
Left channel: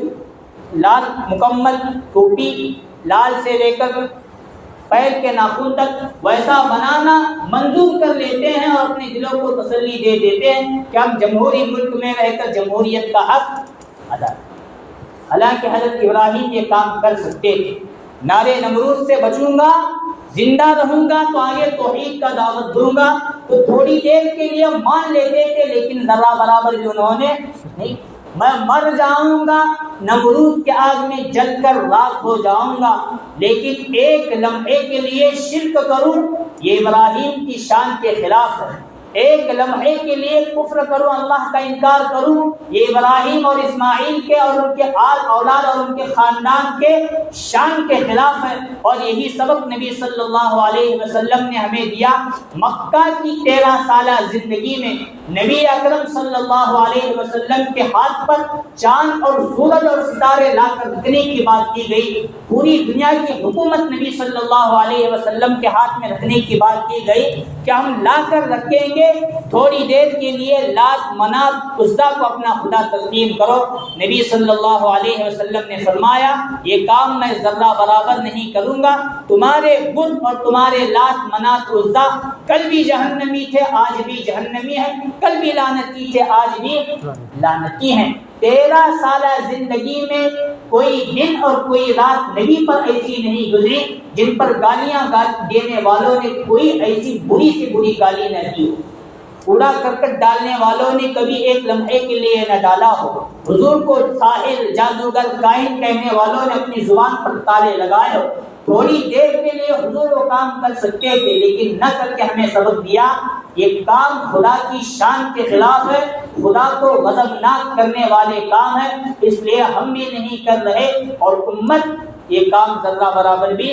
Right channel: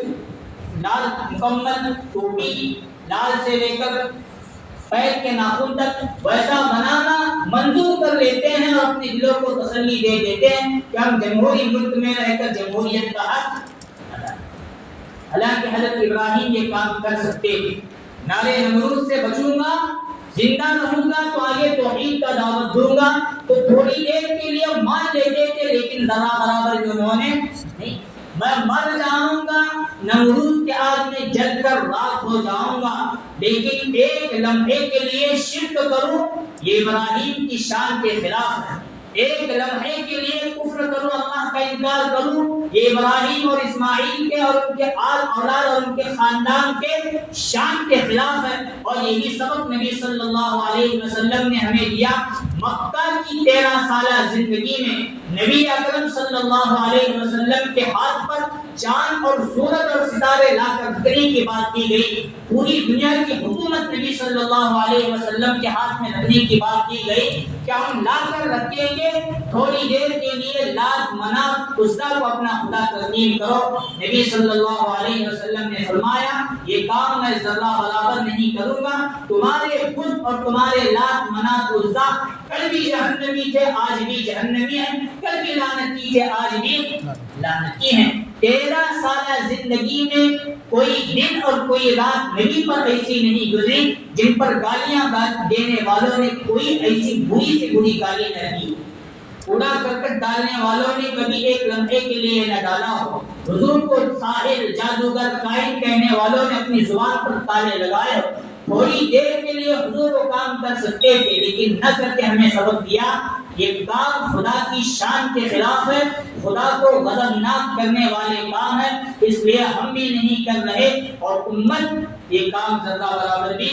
لال مکمل ٹوپی, لال سے لے کر پیر کے ناخن تک ویسا بنانا منظور کر لیتے ہیں اور اپنے دلوں کو تسلی دے دیتے ہیں کہ ہم جمہوری ملک میں رہ کر جمہوریت کا حق ادا کریں. حالانکہ حضرت ابراہیم یہ کام کر سکتے تھے. نعرے نمرود سے بچوں گا, زندہ رہوں گا تو آگے توحید کا دعوت دوں گا, تو تھوڑی دیر کے لیے مان لیتے تھے لیکن ذرہ برابر جو انہوں نے نہیں. میں مر جاؤں گا, نمرود کے آگ میں جل کر راکھ ہو جاؤں گا, لیکن ایک لمحے کے لیے شرک کروں, یہ ابراہیم کی شان کے خلاف ہے. ایک لمحے کے لیے کفر کروں، اللہ کا انکار کروں، یہ ابراہیم اور اسماعیل کے اور ان کے آل اولاد اور ان کے خاندان کے شان کے خلاف ہے۔ اور یہی سبق نبی صلی اللہ علیہ وسلم نے ہمیں دیا۔ مکہ کی 13 سالہ زندگی میں نبی اکرم صلی اللہ علیہ وسلم کے ہاتھ پر چاند اور سورج اور ستارے لا کر رکھنے کی بات کی گئی، پوری دنیا کی حکومت نبی صلی اللہ علیہ وسلم کے ہاتھ میں رکھنے کی بات کی گئی کہ ہم لا کر رکھیں گے، تھوڑی دیر کے لیے لات منات عزا کو اپنا خدا تسلیم کرو۔ نبی صلی اللہ علیہ وسلم نے فرمایا یہ کام میں ذرہ برابر نہیں کروں گا، تمہارے بت اور تمہارے لات منات عزا کل بھی جہنمی تھے آج بھی جہنمی ہیں، کل بھی لعنتی تھے آج بھی لعنتی ہیں۔ 13 سالہ زندگی میں کوئی دن اور کوئی رات نبی پر ایسی نہیں گزری جن پر گالیاں دینے والوں نے کوئی ایسی بری سے بری گالی نہ دی ہو، کوڑا کرکٹ ڈالنے والوں نے کبھی ایک لمحے کے لیے نہ ڈالا ہو، حضور کو ساحر جادوگر کائن کہنے والوں نے اپنی زبان پر تالے لگائے ہو، تھوڑی دیر کے لیے حضور وہ کام کر سکتے تھے لیکن نہ کر کے ہمیں سبق دیا یہ کام خدا کی شان کے خلاف ہے، خدا کو غضبناک کرنے والے کام ہے، اس لیے ہم بھی نہیں کر رہے اور امت یہ کام ذرہ برابر بھی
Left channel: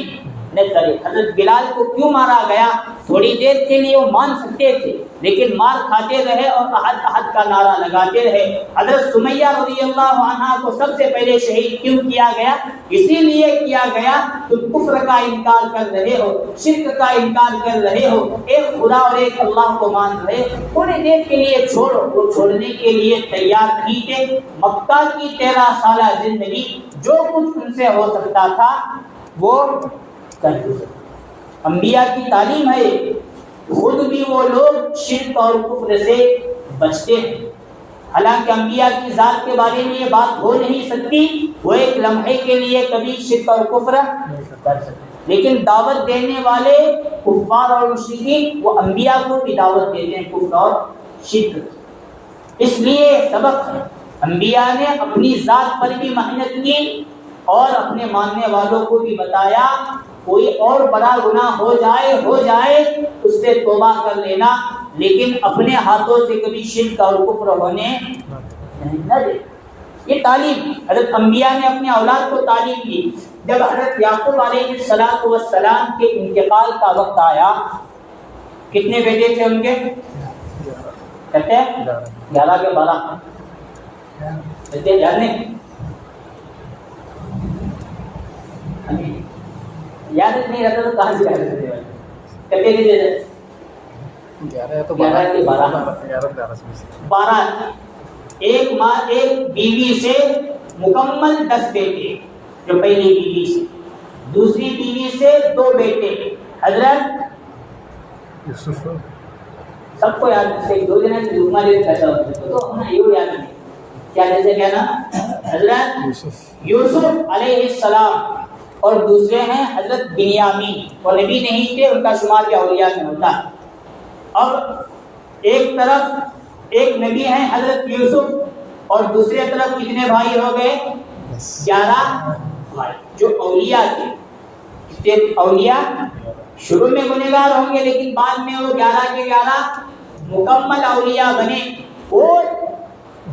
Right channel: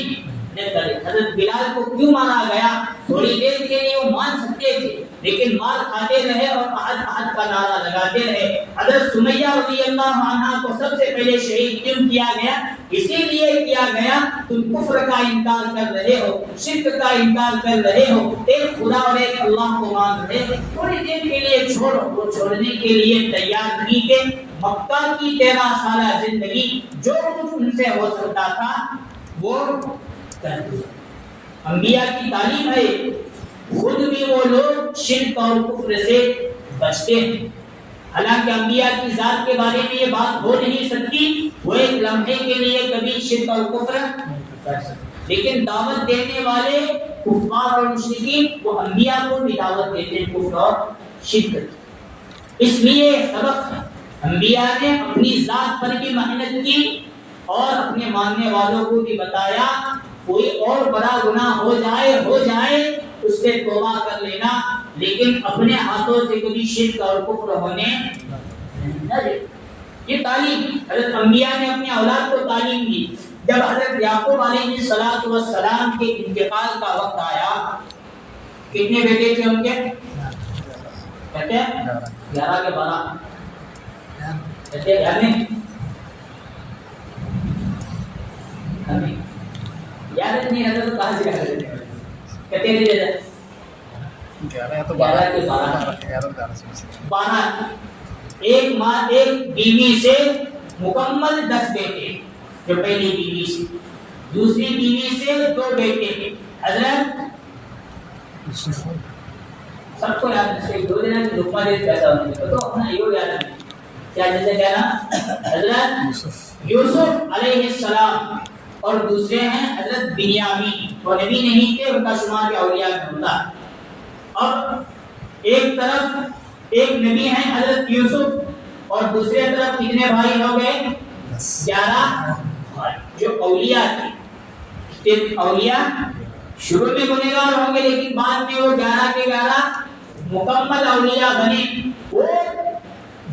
نہ کرے۔ حضرت بلال کو کیوں مارا گیا؟ تھوڑی دیر کے لیے وہ مان سکتے تھے لیکن مار کھاتے رہے اور احد احد کا نعرہ لگاتے رہے۔ حضرت سمیہ رضی اللہ عنہا کو سب سے پہلے شہید کیوں کیا گیا؟ اسی لیے کیا گیا تم کفر کا انکار کر رہے ہو، شرک کا انکار کر رہے ہو، ایک خدا اور ایک اللہ کو مان رہے، تھوڑی دیر کے لیے چھوڑو۔ وہ چھوڑنے کے لیے تیار تھی کہ مکہ کی 13 سالہ زندگی جو کچھ ان سے ہو سکتا تھا وہ کر دیا۔ انبیاء کی تعلیم ہے خود بھی وہ لوگ شرک اور کفر سے بچتے ہیں، حالانکہ انبیاء کی ذات کے بارے میں یہ بات ہو نہیں سکتی، وہ ایک لمحے کے لیے کبھی شرک اور کفر کر سکتے، لیکن دعوت دینے والے کفار اور مشرکین وہ انبیاء کو بھی دعوت دیتے ہیں کفر اور شرک۔ اس لیے سبق انبیاء نے اپنی ذات پر بھی محنت کی اور اپنے ماننے والوں کو بھی بتایا کوئی اور بڑا گناہ ہو جائے اس سے توبہ کر لینا، لیکن اپنے ہاتھوں سے کبھی شرک اور کفر ہونے نہ دے۔ یہ تعلیم حضرت انبیاء نے اپنے اولاد کو تعلیم دی۔ جب حضرت یعقوب علیہ السلام کے انتقال کا وقت آیا، کتنے بیٹے تھے ان کے؟ کہتے ہیں 11 کے 12 کہتے ہیں، یاد نہیں؟ یاد نہیں رہتا تو کہاں سے یاد رہتے ہیں؟ کہتے ہیں 11 یا تو 12 ایک ماں ایک بیوی سے مکمل 10 بیٹے، جو پہلی بیوی سے، دوسری بیوی سے 2 بیٹے، حضرت یوسف، سب کو یاد ہے، 2 دن کی لقمہ دے پیسہ ہونے کو تو اپنا یہ یاد ہے کیا جیسے کہنا حضرت یوسف علیہ السلام، اور دوسرے ہیں حضرت بنیامین، وہ نبی نہیں تھے، ان کا شمار بھی اولیاء میں ہوتا۔ اور ایک طرف ایک نبی ہیں حضرت یوسف اور دوسرے طرف کتنے بھائی ہو گئے؟ 11 بھائی جو اولیاء تھے۔ اولیاء شروع میں گنہگار ہوں گے لیکن بعد میں وہ 11 کے 11 مکمل اولیاء بنے۔ وہ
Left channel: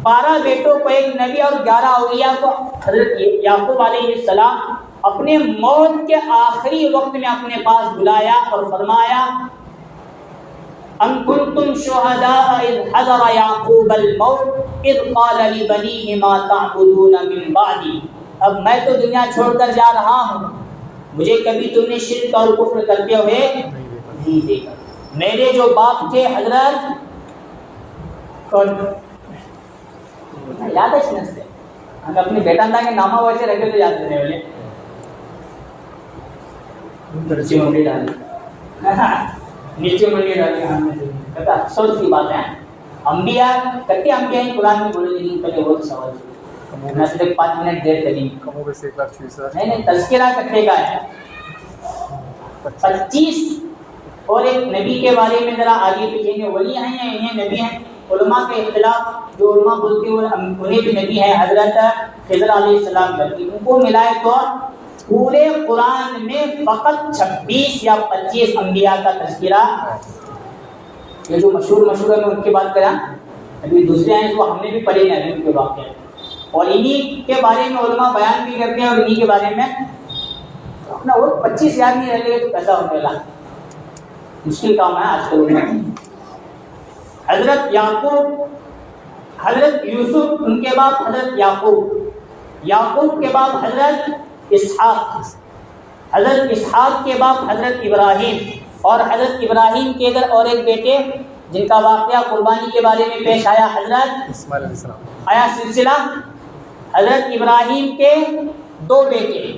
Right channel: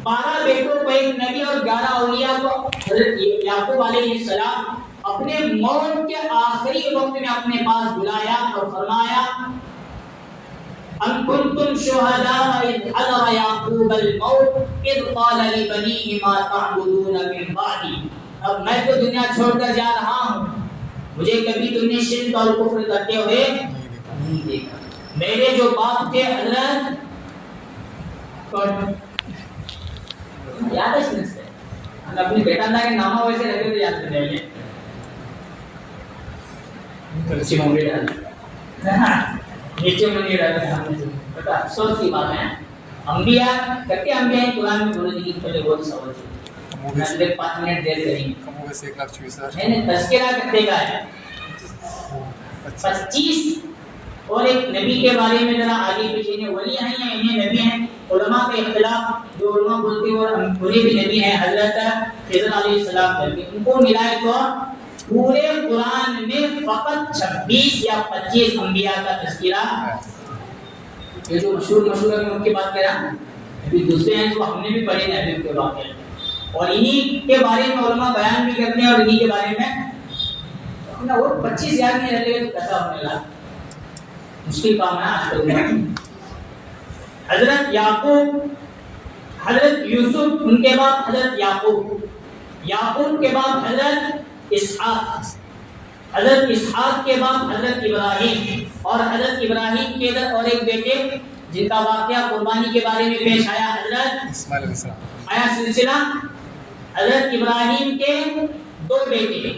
12 بیٹوں کو ایک نبی اور 11 اولیاء کو حضرت یعقوب علیہ السلام اپنے موت کے آخری وقت میں اپنے پاس بلایا اور فرمایا ام کنتم شہداء اذ حضر یعقوب الموت اذ قال لبنیہ ما تعبدون من بعدی، اب میں تو دنیا چھوڑ کر جا رہا ہوں، مجھے کبھی تم نے شرک اور کفر کرتے ہوئے نہیں دیکھا۔ میرے جو باپ تھے حضرت کون یاد ہے؟ اس سے ہم اپنے بیٹا کے نامہ ویسے رکھے تو یاد کرنے والے مرچی منگی ڈال پتا افسوس کی بات ہے، انبیاء کہتے ہیں انبیاء قرآن میں بولے لیکن پہلے بہت سوال چھوڑ میں صرف 5 منٹ دیر کریں نہیں تذکرہ کتے کا ہے 25 اور ایک نبی کے بارے میں ذرا آگے پیچھے نے ولی ہیں یا انہیں نبی ہیں، علماء کے اختلاف، جو علماء بولتے ہیں انہیں بھی نبی ہیں حضرت خضر علیہ السلام کر کے، ان کو ملائے تو پورے قرآن میں فقط 26 یا 25 انبیاء کا تذکرہ یہ جو مشہور ہے میں ان کی بات کریں، ابھی دوسرے ہیں وہ ہم نے بھی پڑھے نبی کے واقعے، اور انہی کے بارے میں علماء بیان بھی کرتے ہیں، اور انہی کے بارے میں اپنا وہ 25 یاد نہیں رہتے تو کیسا ہونے لگا، مشکل کام ہے آج کل میں۔ حضرت یعقوب، حضرت یوسف، ان کے بعد حضرت یعقوب کے بعد حضرت اسحاق، حضرت اسحاق کے بعد حضرت ابراہیم، اور حضرت ابراہیم کے ادھر اور ایک بیٹے جن کا واقعہ قربانی کے بارے میں پیش آیا، حضرت اسماعیل علیہ السلام۔ آیا سلسلہ حضرت ابراہیم کے 2 بیٹے،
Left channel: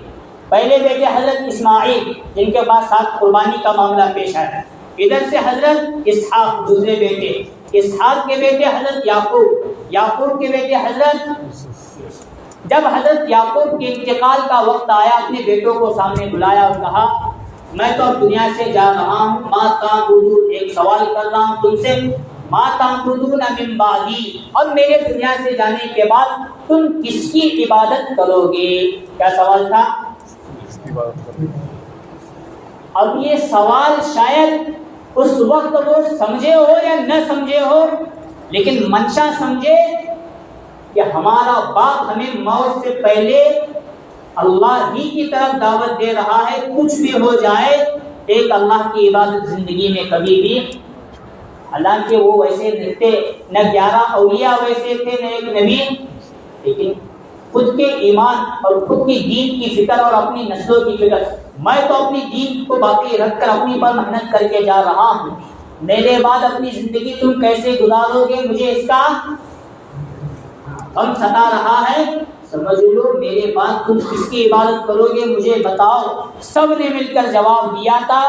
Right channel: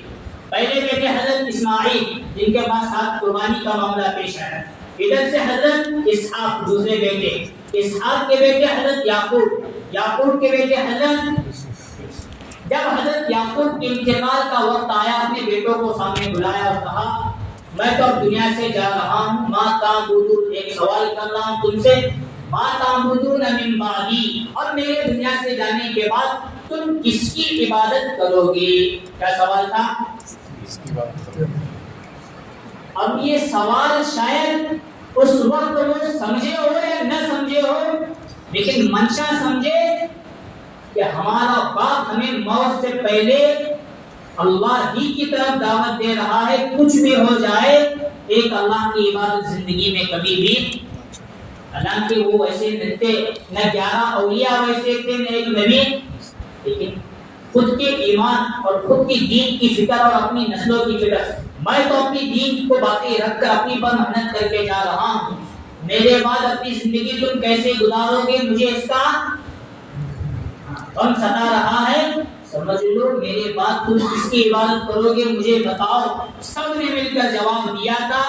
پہلے بیٹے حضرت اسماعیل جن کے پاس ساتھ قربانی کا معاملہ پیش آیا، ادھر سے حضرت اسحاق دوسرے بیٹے، اسحاق کے بیٹے حضرت یعقوب کے بیٹے حضرت۔ جب حضرت یعقوب کے انتقال کا وقت آیا، اپنے بیٹوں کو سامنے بلایا اور کہا میں تو اب دنیا سے جا رہا ہوں، ما تعبدون، ایک سوال کر رہا ہوں تم سے، ما تعبدون من بعدی، اور میرے دنیا سے جانے کے بعد تم کس کی عبادت کرو گے؟ کیا سوال تھا؟ اس کی بات کریں۔ اب یہ سوال شاید اس وقت وہ سمجھے ہو یا نہ سمجھے ہو، لیکن منشا سمجھے کہ ہمارا باپ ہمیں موت سے پہلے اللہ ہی کی طرف دعوت دے رہا ہے، کچھ بھی ہو جائے ایک اللہ کی عبادت زندگی میں کبھی بھی، حالانکہ وہ ویسے تھے نہ 11 اولیاء ویسے تھے نہ ایک نبی، لیکن خود کے ایمان اور خود کی دین کی فکر اور اپنی نسلوں کی فکر، میں تو اپنی دین کو باقی رکھ کر اپنی پر محنت کر کے جا رہا ہوں، میرے بعد اپنی زندگی تم کیسے گزارو گے مجھے اس کا غم ستا رہا ہے، سمجھ لو میرے بعد تم کس کی عبادت کرو گے مجھے بتاؤ۔ سب نے مل کر جواب دیا تھا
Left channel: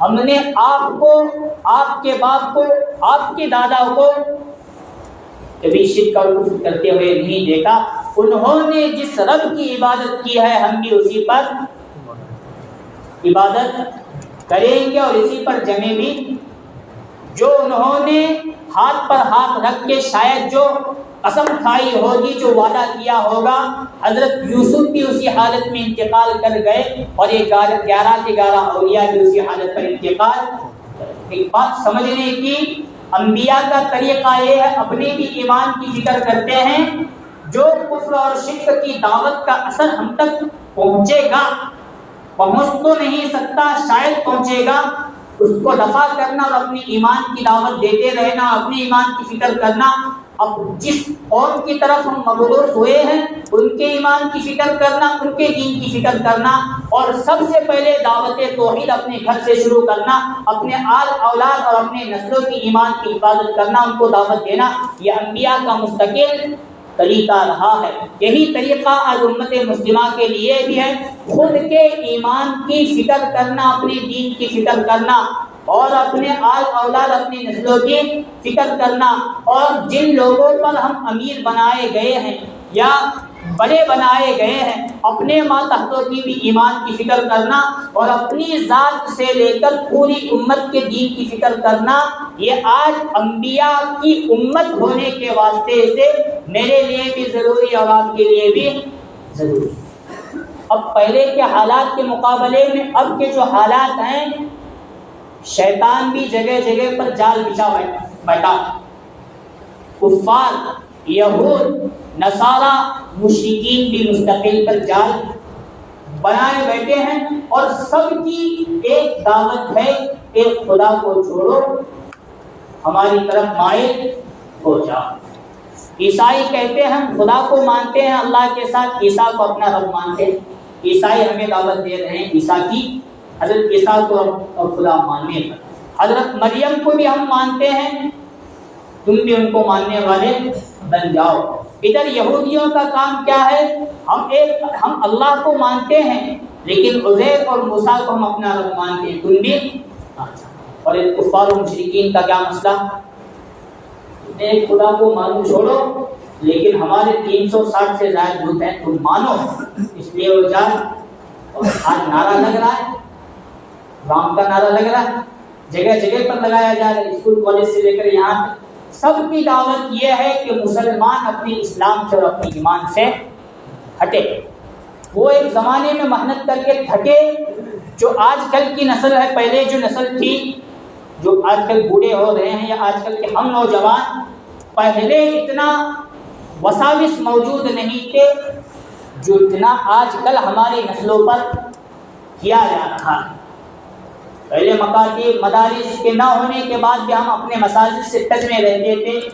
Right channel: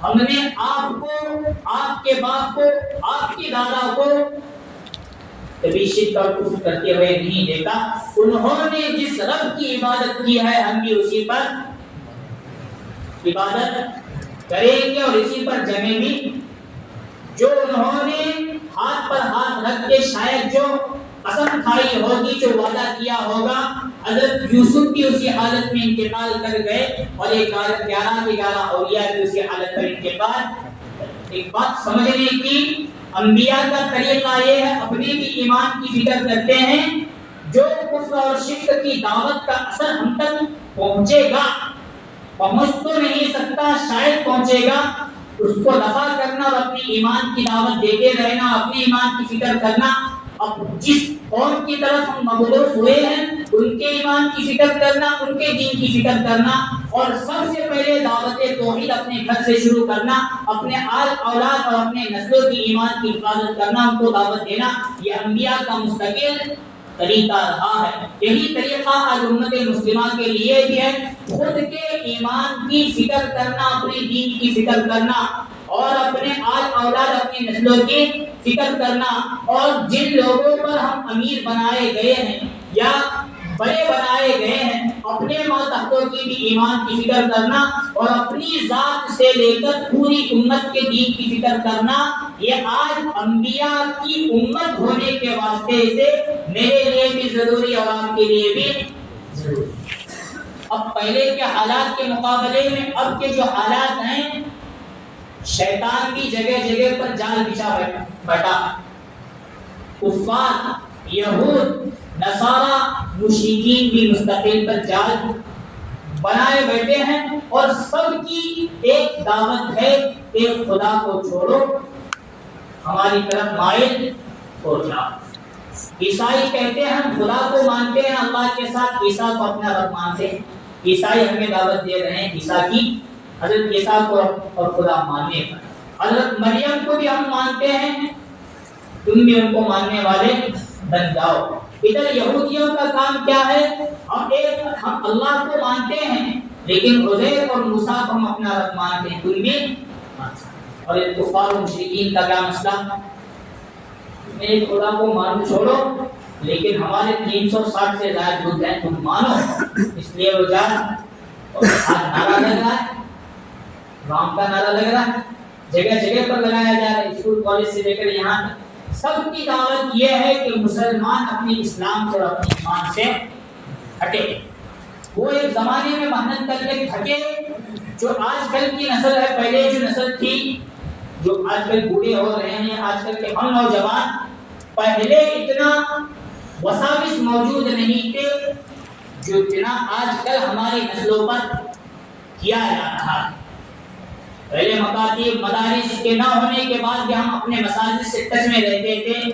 ہم نے آپ کو، آپ کے باپ کو، آپ کے دادا کو کبھی شرک اور کفر کرتے ہوئے نہیں دیکھا، انہوں نے جس رب کی عبادت کی ہے ہم بھی اسی پر عبادت کریں گے اور اسی پر جمیں بھی۔ جو انہوں نے ہاتھ پر ہاتھ رکھ کے شاید جو قسم کھائی ہوگی، جو وعدہ کیا ہوگا، حضرت یوسف بھی اسی حالت میں انتقال کر گئے اور یہ 11 کے 11 اولیاء بھی اسی حالت پر انتقال۔ ایک بات سمجھنے کی، انبیاء کا طریقہ یہ ہے اپنے بھی ایمان کی فکر کرتے ہیں، جو کفر اور شرک کی دعوت کا اثر ہم تک پہنچے گا، پہنچ تو نہیں سکتا شاید پہنچے گا، اس کو دفع کرنا اور اپنی ایمان کی دعوت دیتے رہنا، اپنی ایمان کی فکر کرنا۔ اب جس قوم کی طرف ہم مبعوث ہوئے ہیں ان کے ایمان کی فکر کرنا، ان کے دین کی فکر کرنا، اور سب سے پہلے دعوت توحید اپنے گھر سے شروع کرنا، اپنے آل اولاد اور اپنے نسلوں کی ایمان کی حفاظت کرنا، ان کو دعوت دینا، یہ انبیاء کا مستقل طریقہ رہا ہے۔ یہی طریقہ آج امت مسلمہ کے لیے بھی ہے، خود کے ایمان کی فکر کرنا، اپنے دین کی فکر کرنا، اور اپنے آل اولاد اپنی نسلوں کی فکر کرنا، اور جن لوگوں پر ہم امیر بنائے گئے ہیں یا بڑے بنائے گئے ہیں اپنے ماتحتوں کی بھی ایمان کی فکر کرنا، اور اپنی ذات سے لے کر پوری امت کے دین کی فکر کرنا، یہ آج انبیاء کی امت ہونے کے واسطے سے میرے لیے بھی ضروری اور آپ کے لیے بھی ضروری۔ اب پہلے کے حالات کے مقابلے میں اب کے جو حالات ہیں، شیطان بھی جگہ جگہ پر جال بچھا بیٹھا، کفار، یہود، نصارہ، مشرکین بھی مستقل پر جال بنائے بیٹھے ہیں، اور سب کی ایک دعوت ہے کہ خدا کو چھوڑو، ہماری طرف مائل ہو جاؤ۔ عیسائی کہتے ہیں ہم خدا کو مانتے ہیں اللہ کے ساتھ، عیسیٰ کو اپنا رب مانتے ہیں، عیسائی ہمیں دعوت دے رہے ہیں عیسیٰ کی، حضرت عیسیٰ کو اور خدا ماننے کا۔ حضرت مریم کو بھی ہم مانتے ہیں، تم بھی ان کو ماننے والے بن جاؤ۔ ادھر یہودیوں کا کام کیا ہے، ہم اللہ کو مانتے ہیں لیکن عزیر اور موسیٰ کو ہم اپنا رب مانتے ہیں، تم بھی۔ اور کفار و مشرکین کا کیا مسئلہ، ایک خدا کو مانو چھوڑو، لیکن ہمارے 360 سے زائد بت ہیں تم مانو، اس لیے وہ جان۔ اور آج نعرہ لگ رہا ہے، رام کا نعرہ لگ رہا ہے، جگہ جگہ پر لگایا جا رہا ہے، اسکول کالج سے لے کر یہاں سب کی دعوت یہ ہے کہ مسلمان اپنی اسلام سے اور اپنی ایمان سے ہٹے۔ وہ ایک زمانے میں محنت کر کے تھکے، جو آج کل کی نسل ہے، پہلے جو نسل تھی جو آج کل بوڑھے ہو رہے ہیں یا آج کل کے ہم نوجوان، پہلے اتنا وساوس موجود نہیں تھے جو اتنا آج کل ہماری نسلوں پر کیا جا رہا ہے۔ پہلے مکاتب مدارس کے نہ ہونے کے بعد بھی ہم اپنے مساجد سے ٹچ میں رہتے تھے،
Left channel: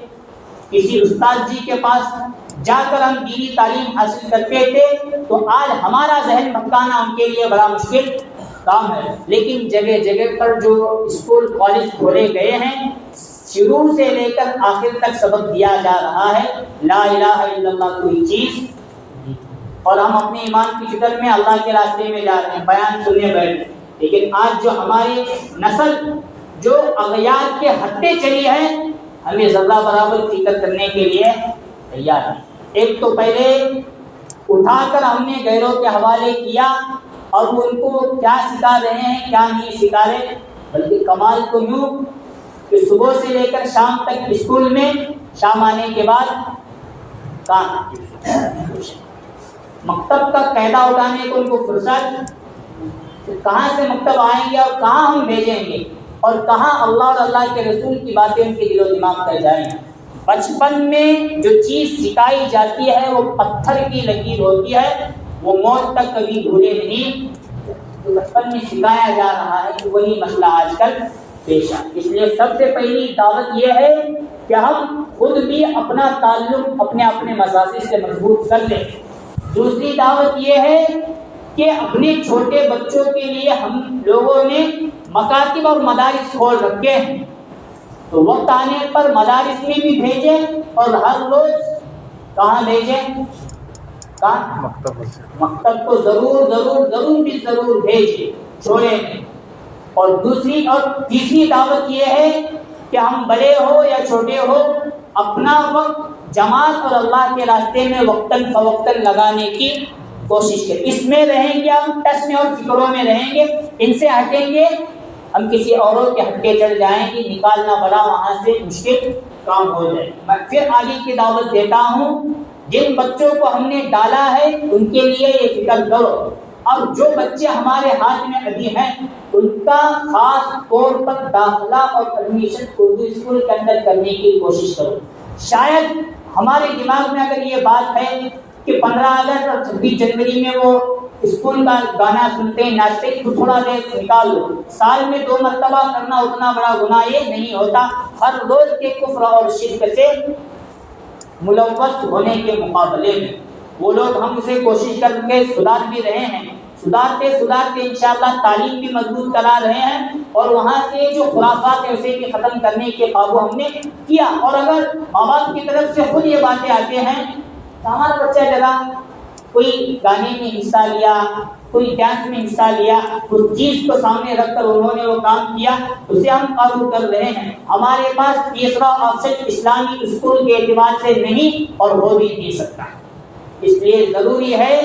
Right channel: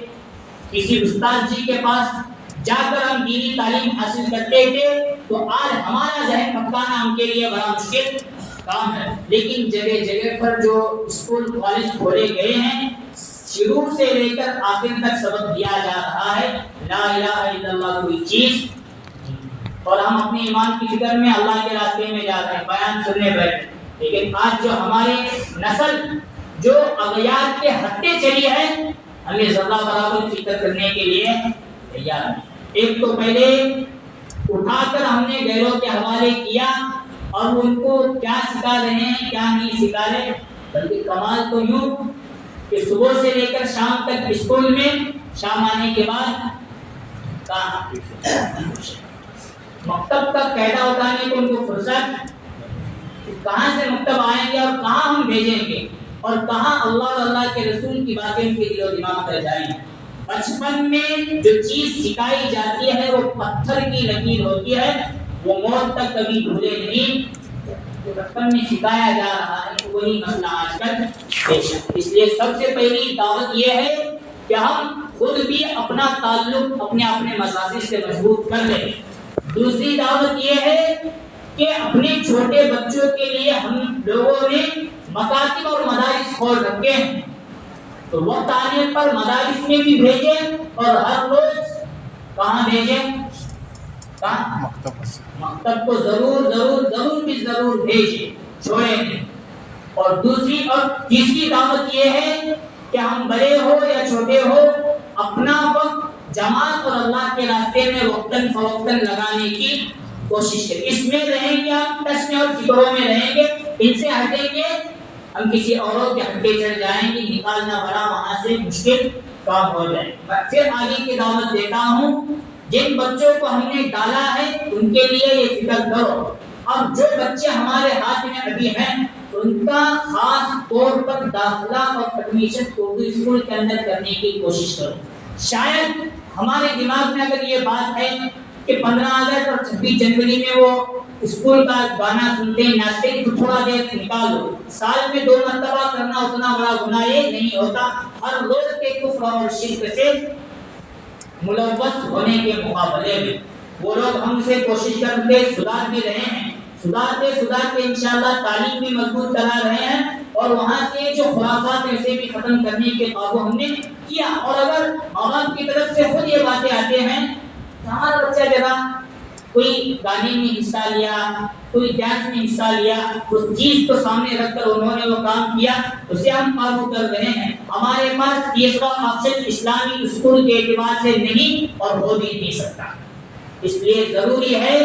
کسی استاد جی کے پاس جا کر ہم دینی تعلیم حاصل کرتے تھے، تو آج ہمارا ذہن بھٹکانا ان کے لیے بڑا مشکل کام ہے۔ لیکن جگہ جگہ پر جو اسکول کالج کھولے گئے ہیں، شروع سے لے کر آخر تک سبق دیا جا رہا ہے لا الہ الا اللہ کوئی چیز، اور ہم اپنے ایمان کی فکر میں اللہ کے راستے میں جا رہے ہیں، بیان سننے بیٹھے۔ لیکن آج جو ہماری نسل جو اغیار کے ہٹے چلی ہے، ہمیں ذرہ برابر فکر کرنے کے لیے تیار ہے۔ ایک تو پہلے اٹھا کر ہم نے غیروں کے حوالے کیا، اور وہ ان کو کیا سکھا رہے ہیں کیا نہیں سکھا رہے، بلکہ کمال تو یوں کہ صبح سے لے کر شام تک اسکول میں، شام آنے کے بعد مکتب کا قاعدہ اٹھانے کو ان کو فرصت، کہاں سے مکتب آئیں گے اور کہاں ہم بھیجیں گے، اور کہاں اللہ اور اللہ کے رسول کی باتیں ان کے دل و دماغ پر جائیں گے۔ بچپن میں جو چیز سکھائی جاتی ہے وہ پتھر کی لکیر ہوتی ہے، وہ موت تک کبھی بھولے نہیں۔ جو بچپن میں سکھایا جا رہا ہے وہی مسئلہ آج کل پیش ہے۔ اس لیے سب سے پہلی دعوت یہ ہے کہ ہم خود بھی اپنا تعلق اپنے مساجد سے مضبوط کر لیں۔ دوسری دعوت یہ ہے کہ اپنے چھوٹے بچوں کے لیے ہم لوگوں نے مکاتب اور مدارس کھول رکھے ہیں، تو وقت آنے پر مدارس میں بھی بھیجیں، اور ہر روز کہاں بھیجیں؟ مکتب کو ضرور بھیجیں، چھوڑیں نہیں۔ اور دوسری اور تیسری دعوت یہ ہے کہ ہم بڑے ہو یا چھوٹے ہو، اپنا وقت جماعت اور اللہ کے راستے میں وقتاً فوقتاً لگانے کی کوشش کریں۔ اس میں رہیں گے ہم، ٹچ میں اور فکروں میں رہیں گے، ان سے ہٹیں گے ہم کسی اوروں کے ہٹے چڑھ جائیں گے، نکالنا بڑا وہاں سے مشکل کام ہو جائے۔ میں پھر آگے کی دعوت دیتا ہوں، جن بچوں کو ہم نے ڈالا ہے ان کے لیے یہ فکر کرو، اب جو بچے ہمارے ہاتھ میں ابھی ہیں ان کا خاص طور پر داخلہ اور ایڈمیشن اردو اسکول کے اندر کرنے کی کوشش کرو۔ شاید ہمارے دماغ میں اگر یہ بات ہے کہ 15 اگست اور 26 جنوری میں وہ اسکول کا گانا سنتے ہیں ناچتے ہیں تو تھوڑا دیر نکال لو، سال میں 2 مرتبہ کرنا اتنا بڑا گناہ یہ نہیں ہوتا۔ ہر روز کے کفر اور شرک سے ملوث ہونے کے مقابلے میں وہ لوگ ہم سے کوشش کر کے سدھار بھی رہے ہیں، سدھارتے انشاءاللہ تعلیم بھی مضبوط کرا رہے ہیں، اور وہاں سے جو خرافات ہیں اسے بھی ختم کرنے کے قابو ہم نے کیا۔ اور اگر ماں باپ کی طرف سے خود یہ باتیں آتے ہیں، ہمارا بچہ جگہ کوئی گانے میں حصہ لیا، کوئی ڈانس میں حصہ لیا، اس چیز کو سامنے رکھ کر انہوں نے وہ کام کیا، اسے ہم قابو کر رہے ہیں۔ ہمارے پاس تیسرا آپشن اسلامی اسکول کے اعتبار سے نہیں اور ہو بھی نہیں سکتا۔ اس لیے ضروری ہے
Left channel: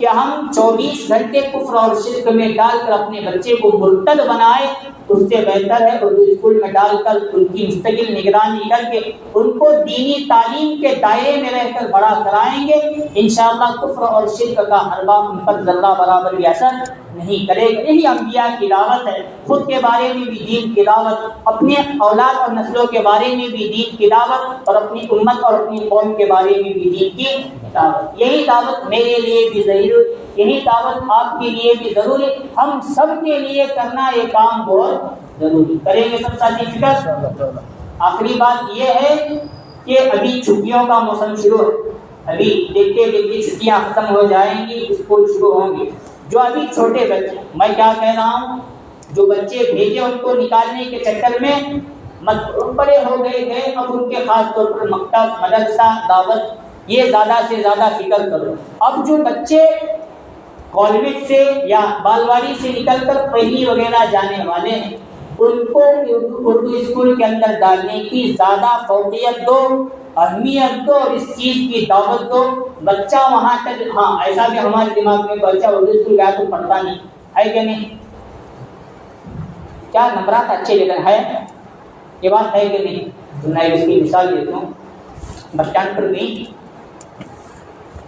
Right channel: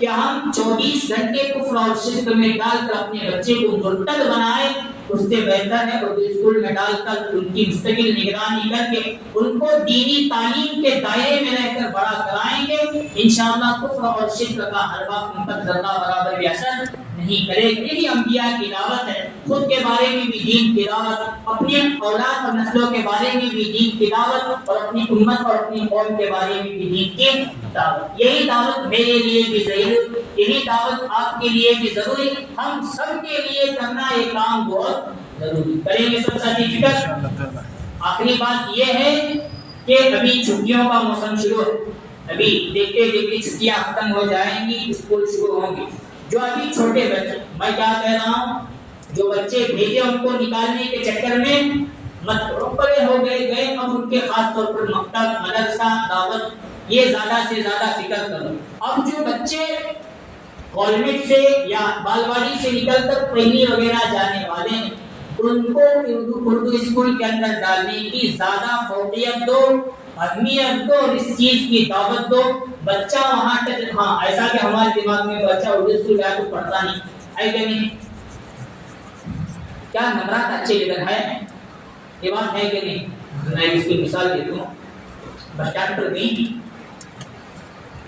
کہ ہم 24 گھنٹے کفر اور شرک میں ڈال کر اپنے بچے کو مرتد بنائیں، اس سے بہتر ہے اردو اسکول میں ڈال کر ان کی مستقل نگرانی کر کے ان کو دینی تعلیم کے دائرے میں رہ کر بڑا کرائیں گے۔ انشاءاللہ کفر اور شرک کا حربہ ان پر ذرہ برابر بھی اثر نہیں کرے گا۔ یہی انبیاء کی دعوت ہے، خود کے بارے میں بھی دین کی دعوت، اپنے اولاد اور نسلوں کے بارے میں بھی دین کی دعوت، اور اپنی امت اور اپنی قوم کے بارے میں بھی دین کی دعوت۔ یہی دعوت میرے لیے بھی ضروری، یہی دعوت آپ کے لیے بھی ضروری، ہم سب کے لیے کرنا یہ کام بہت ضروری۔ کریں گے سب ساتھی فکر؟ آخری بات یہ ہے کہ ابھی چھٹیوں کا موسم شروع ہے، ابھی دیکھتے دیکھتے چھٹیاں ختم ہو جائیں گی، اسکول شروع ہوں گے۔ جو ابھی چھوٹے بچے، میں کیا کہہ رہا ہوں، جو بچے بھیجے ان کو نکالنے کے چکر میں مت بڑے ہو گئے، اب ان کے خاص طور پر مکتب، مدرسہ، دعوت، یہ زیادہ سے زیادہ فکر کرو۔ اب جو بچے کالج سے یا بالواڑی سے نکل کر پہلی وغیرہ جانے والے ہیں، ان کو اردو اسکول کے اندر ڈالنے کی زیادہ فوقیت دو، اہمیت دو، اور اس چیز کی دعوت دو۔ بچہ وہاں تک، ہاں ایسا بھی ہمارے دماغ میں بچہ اردو اسکول گیا تو پڑھتا نہیں ہے کہ نہیں، کیا نمبرات اچھے لیکن ہے، یہ بات ہے کہ نہیں؟ میں اس کی مثال دیتا ہوں، بس اسٹینڈ پر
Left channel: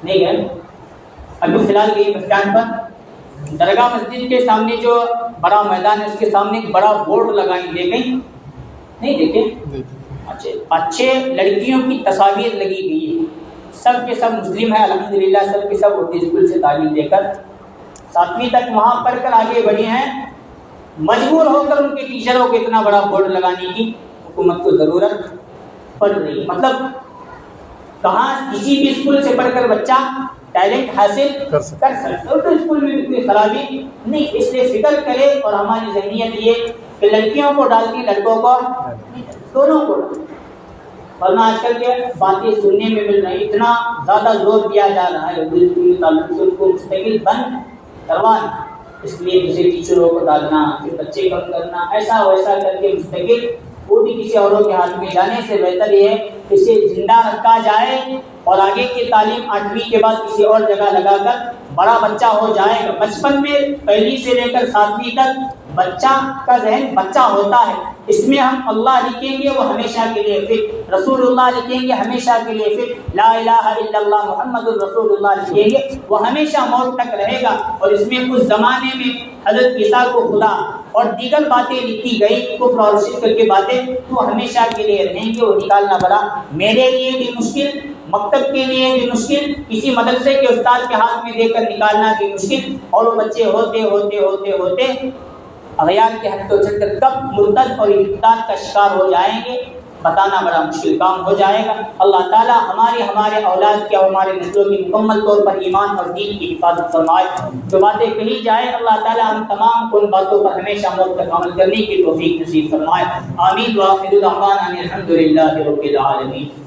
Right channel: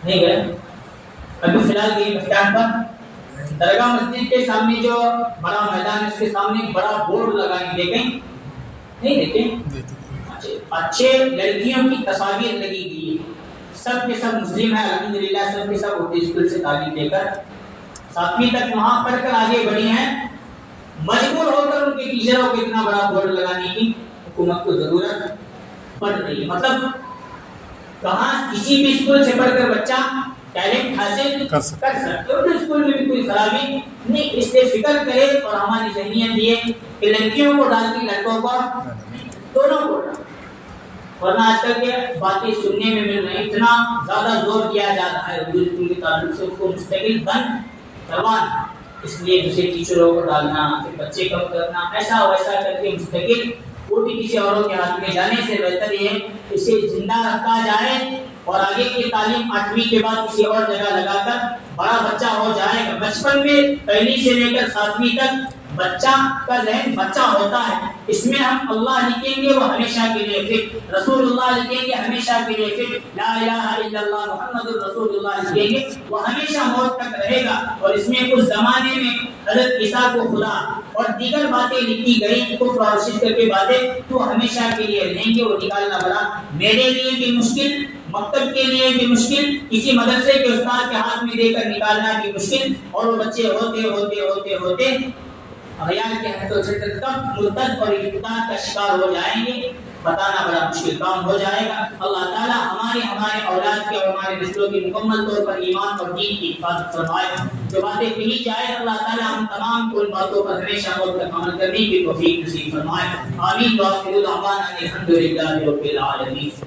نہیں گئے، ابھی فی الحال گئی بس اسٹینڈ پر، درگاہ مسجد کے سامنے جو بڑا میدان ہے اس کے سامنے ایک بڑا بورڈ لگائی دی گئی، نہیں دیکھیں؟ دیکھیے اچھے لڑکیوں کی تصاویر لگی گئی ہے، سب کے سب مسلم ہے الحمدللہ، سب کے سب اردو اسکول سے تعلیم لے کر 7ویں تک وہاں پڑھ کر آگے بڑھے ہیں، مجبور ہو کر ان کے ٹیچروں کو اتنا بڑا بورڈ لگانے کی حکومت کو ضرورت پڑ رہی ہے۔ مطلب کہاں کسی بھی اسکول سے پڑھ کر بچہ ٹیلنٹ حاصل کر سکتا ہے، اردو اسکول میں بھی کوئی خرابی نہیں، اس لیے فکر کرے اور ہماری ذہنیت یہ کہ لڑکیوں کو ڈال دی لڑکوں کو دونوں کو، ورنہ آج کل کے باتیں سننے میں مل رہی، اتنا زیادہ زور دیا جا رہا ہے اردو اسکول کے تعلق سے اس کو مستقل بند کروانا، اس لیے دوسرے ٹیچروں کو ڈالنا، پھر بچے کم کرنا، ایسا ویسا کر کے مستقل وہ بھی کسی اوروں کے ہاتھ میں جانے سے بہتر یہ ہے اسے زندہ رکھا جائے اور آگے کی تعلیم 8ویں کے بعد کسی اور جگہ لگا کر بڑا بچہ ہو جائے گا۔ بچپن میں 1 سے لے کر 7ویں تک بچہ کا ذہن بچہ ہوتا ہے، اس میں ہم اللہ لکھیں گے وہ ہمیشہ کے لیے فٹ، رسول اللہ لکھیں گے ہمیشہ کے لیے فٹ، لا الہ الا اللہ محمد الرسول اللہ لکھیں گے وہ ہمیشہ موت تک رہے گا، اور اس میں کچھ زمانے میں حضرت عیسیٰ کو خدا اور دیگر باتیں لکھی گئی کفر اور شرک کی باتیں تو ہمیشہ کے لیے رہیں گے، وہ نکالنا بڑا میرے لیے بھی مشکل، مکتب کے لیے بھی مشکل، کسی مدرسے کے استاد کے ہاتھ میں دے کر نکالنا بھی مشکل، اور وہ بچے ہوتے ہوتے ہوتے ہوتے اغیار کے حد کو چڑھ کر کب مرتد اور ارتداد کا شکار ہو جائیں گے بتانا بڑا مشکل کام ہو جائے گا۔ اللہ تعالی ہمارے اولاد کی اور ہمارے نسلوں کی مکمل طور پر ایمان اور دین کی حفاظت فرمائے، جو باتیں کہی جائیں اللہ تعالی ہم تمام ان باتوں پر ہمیشہ موت تک عمل کرنے کی توفیق نصیب فرمائے، آمین۔ وآخر دعوانا ان الحمد للہ رب العالمین۔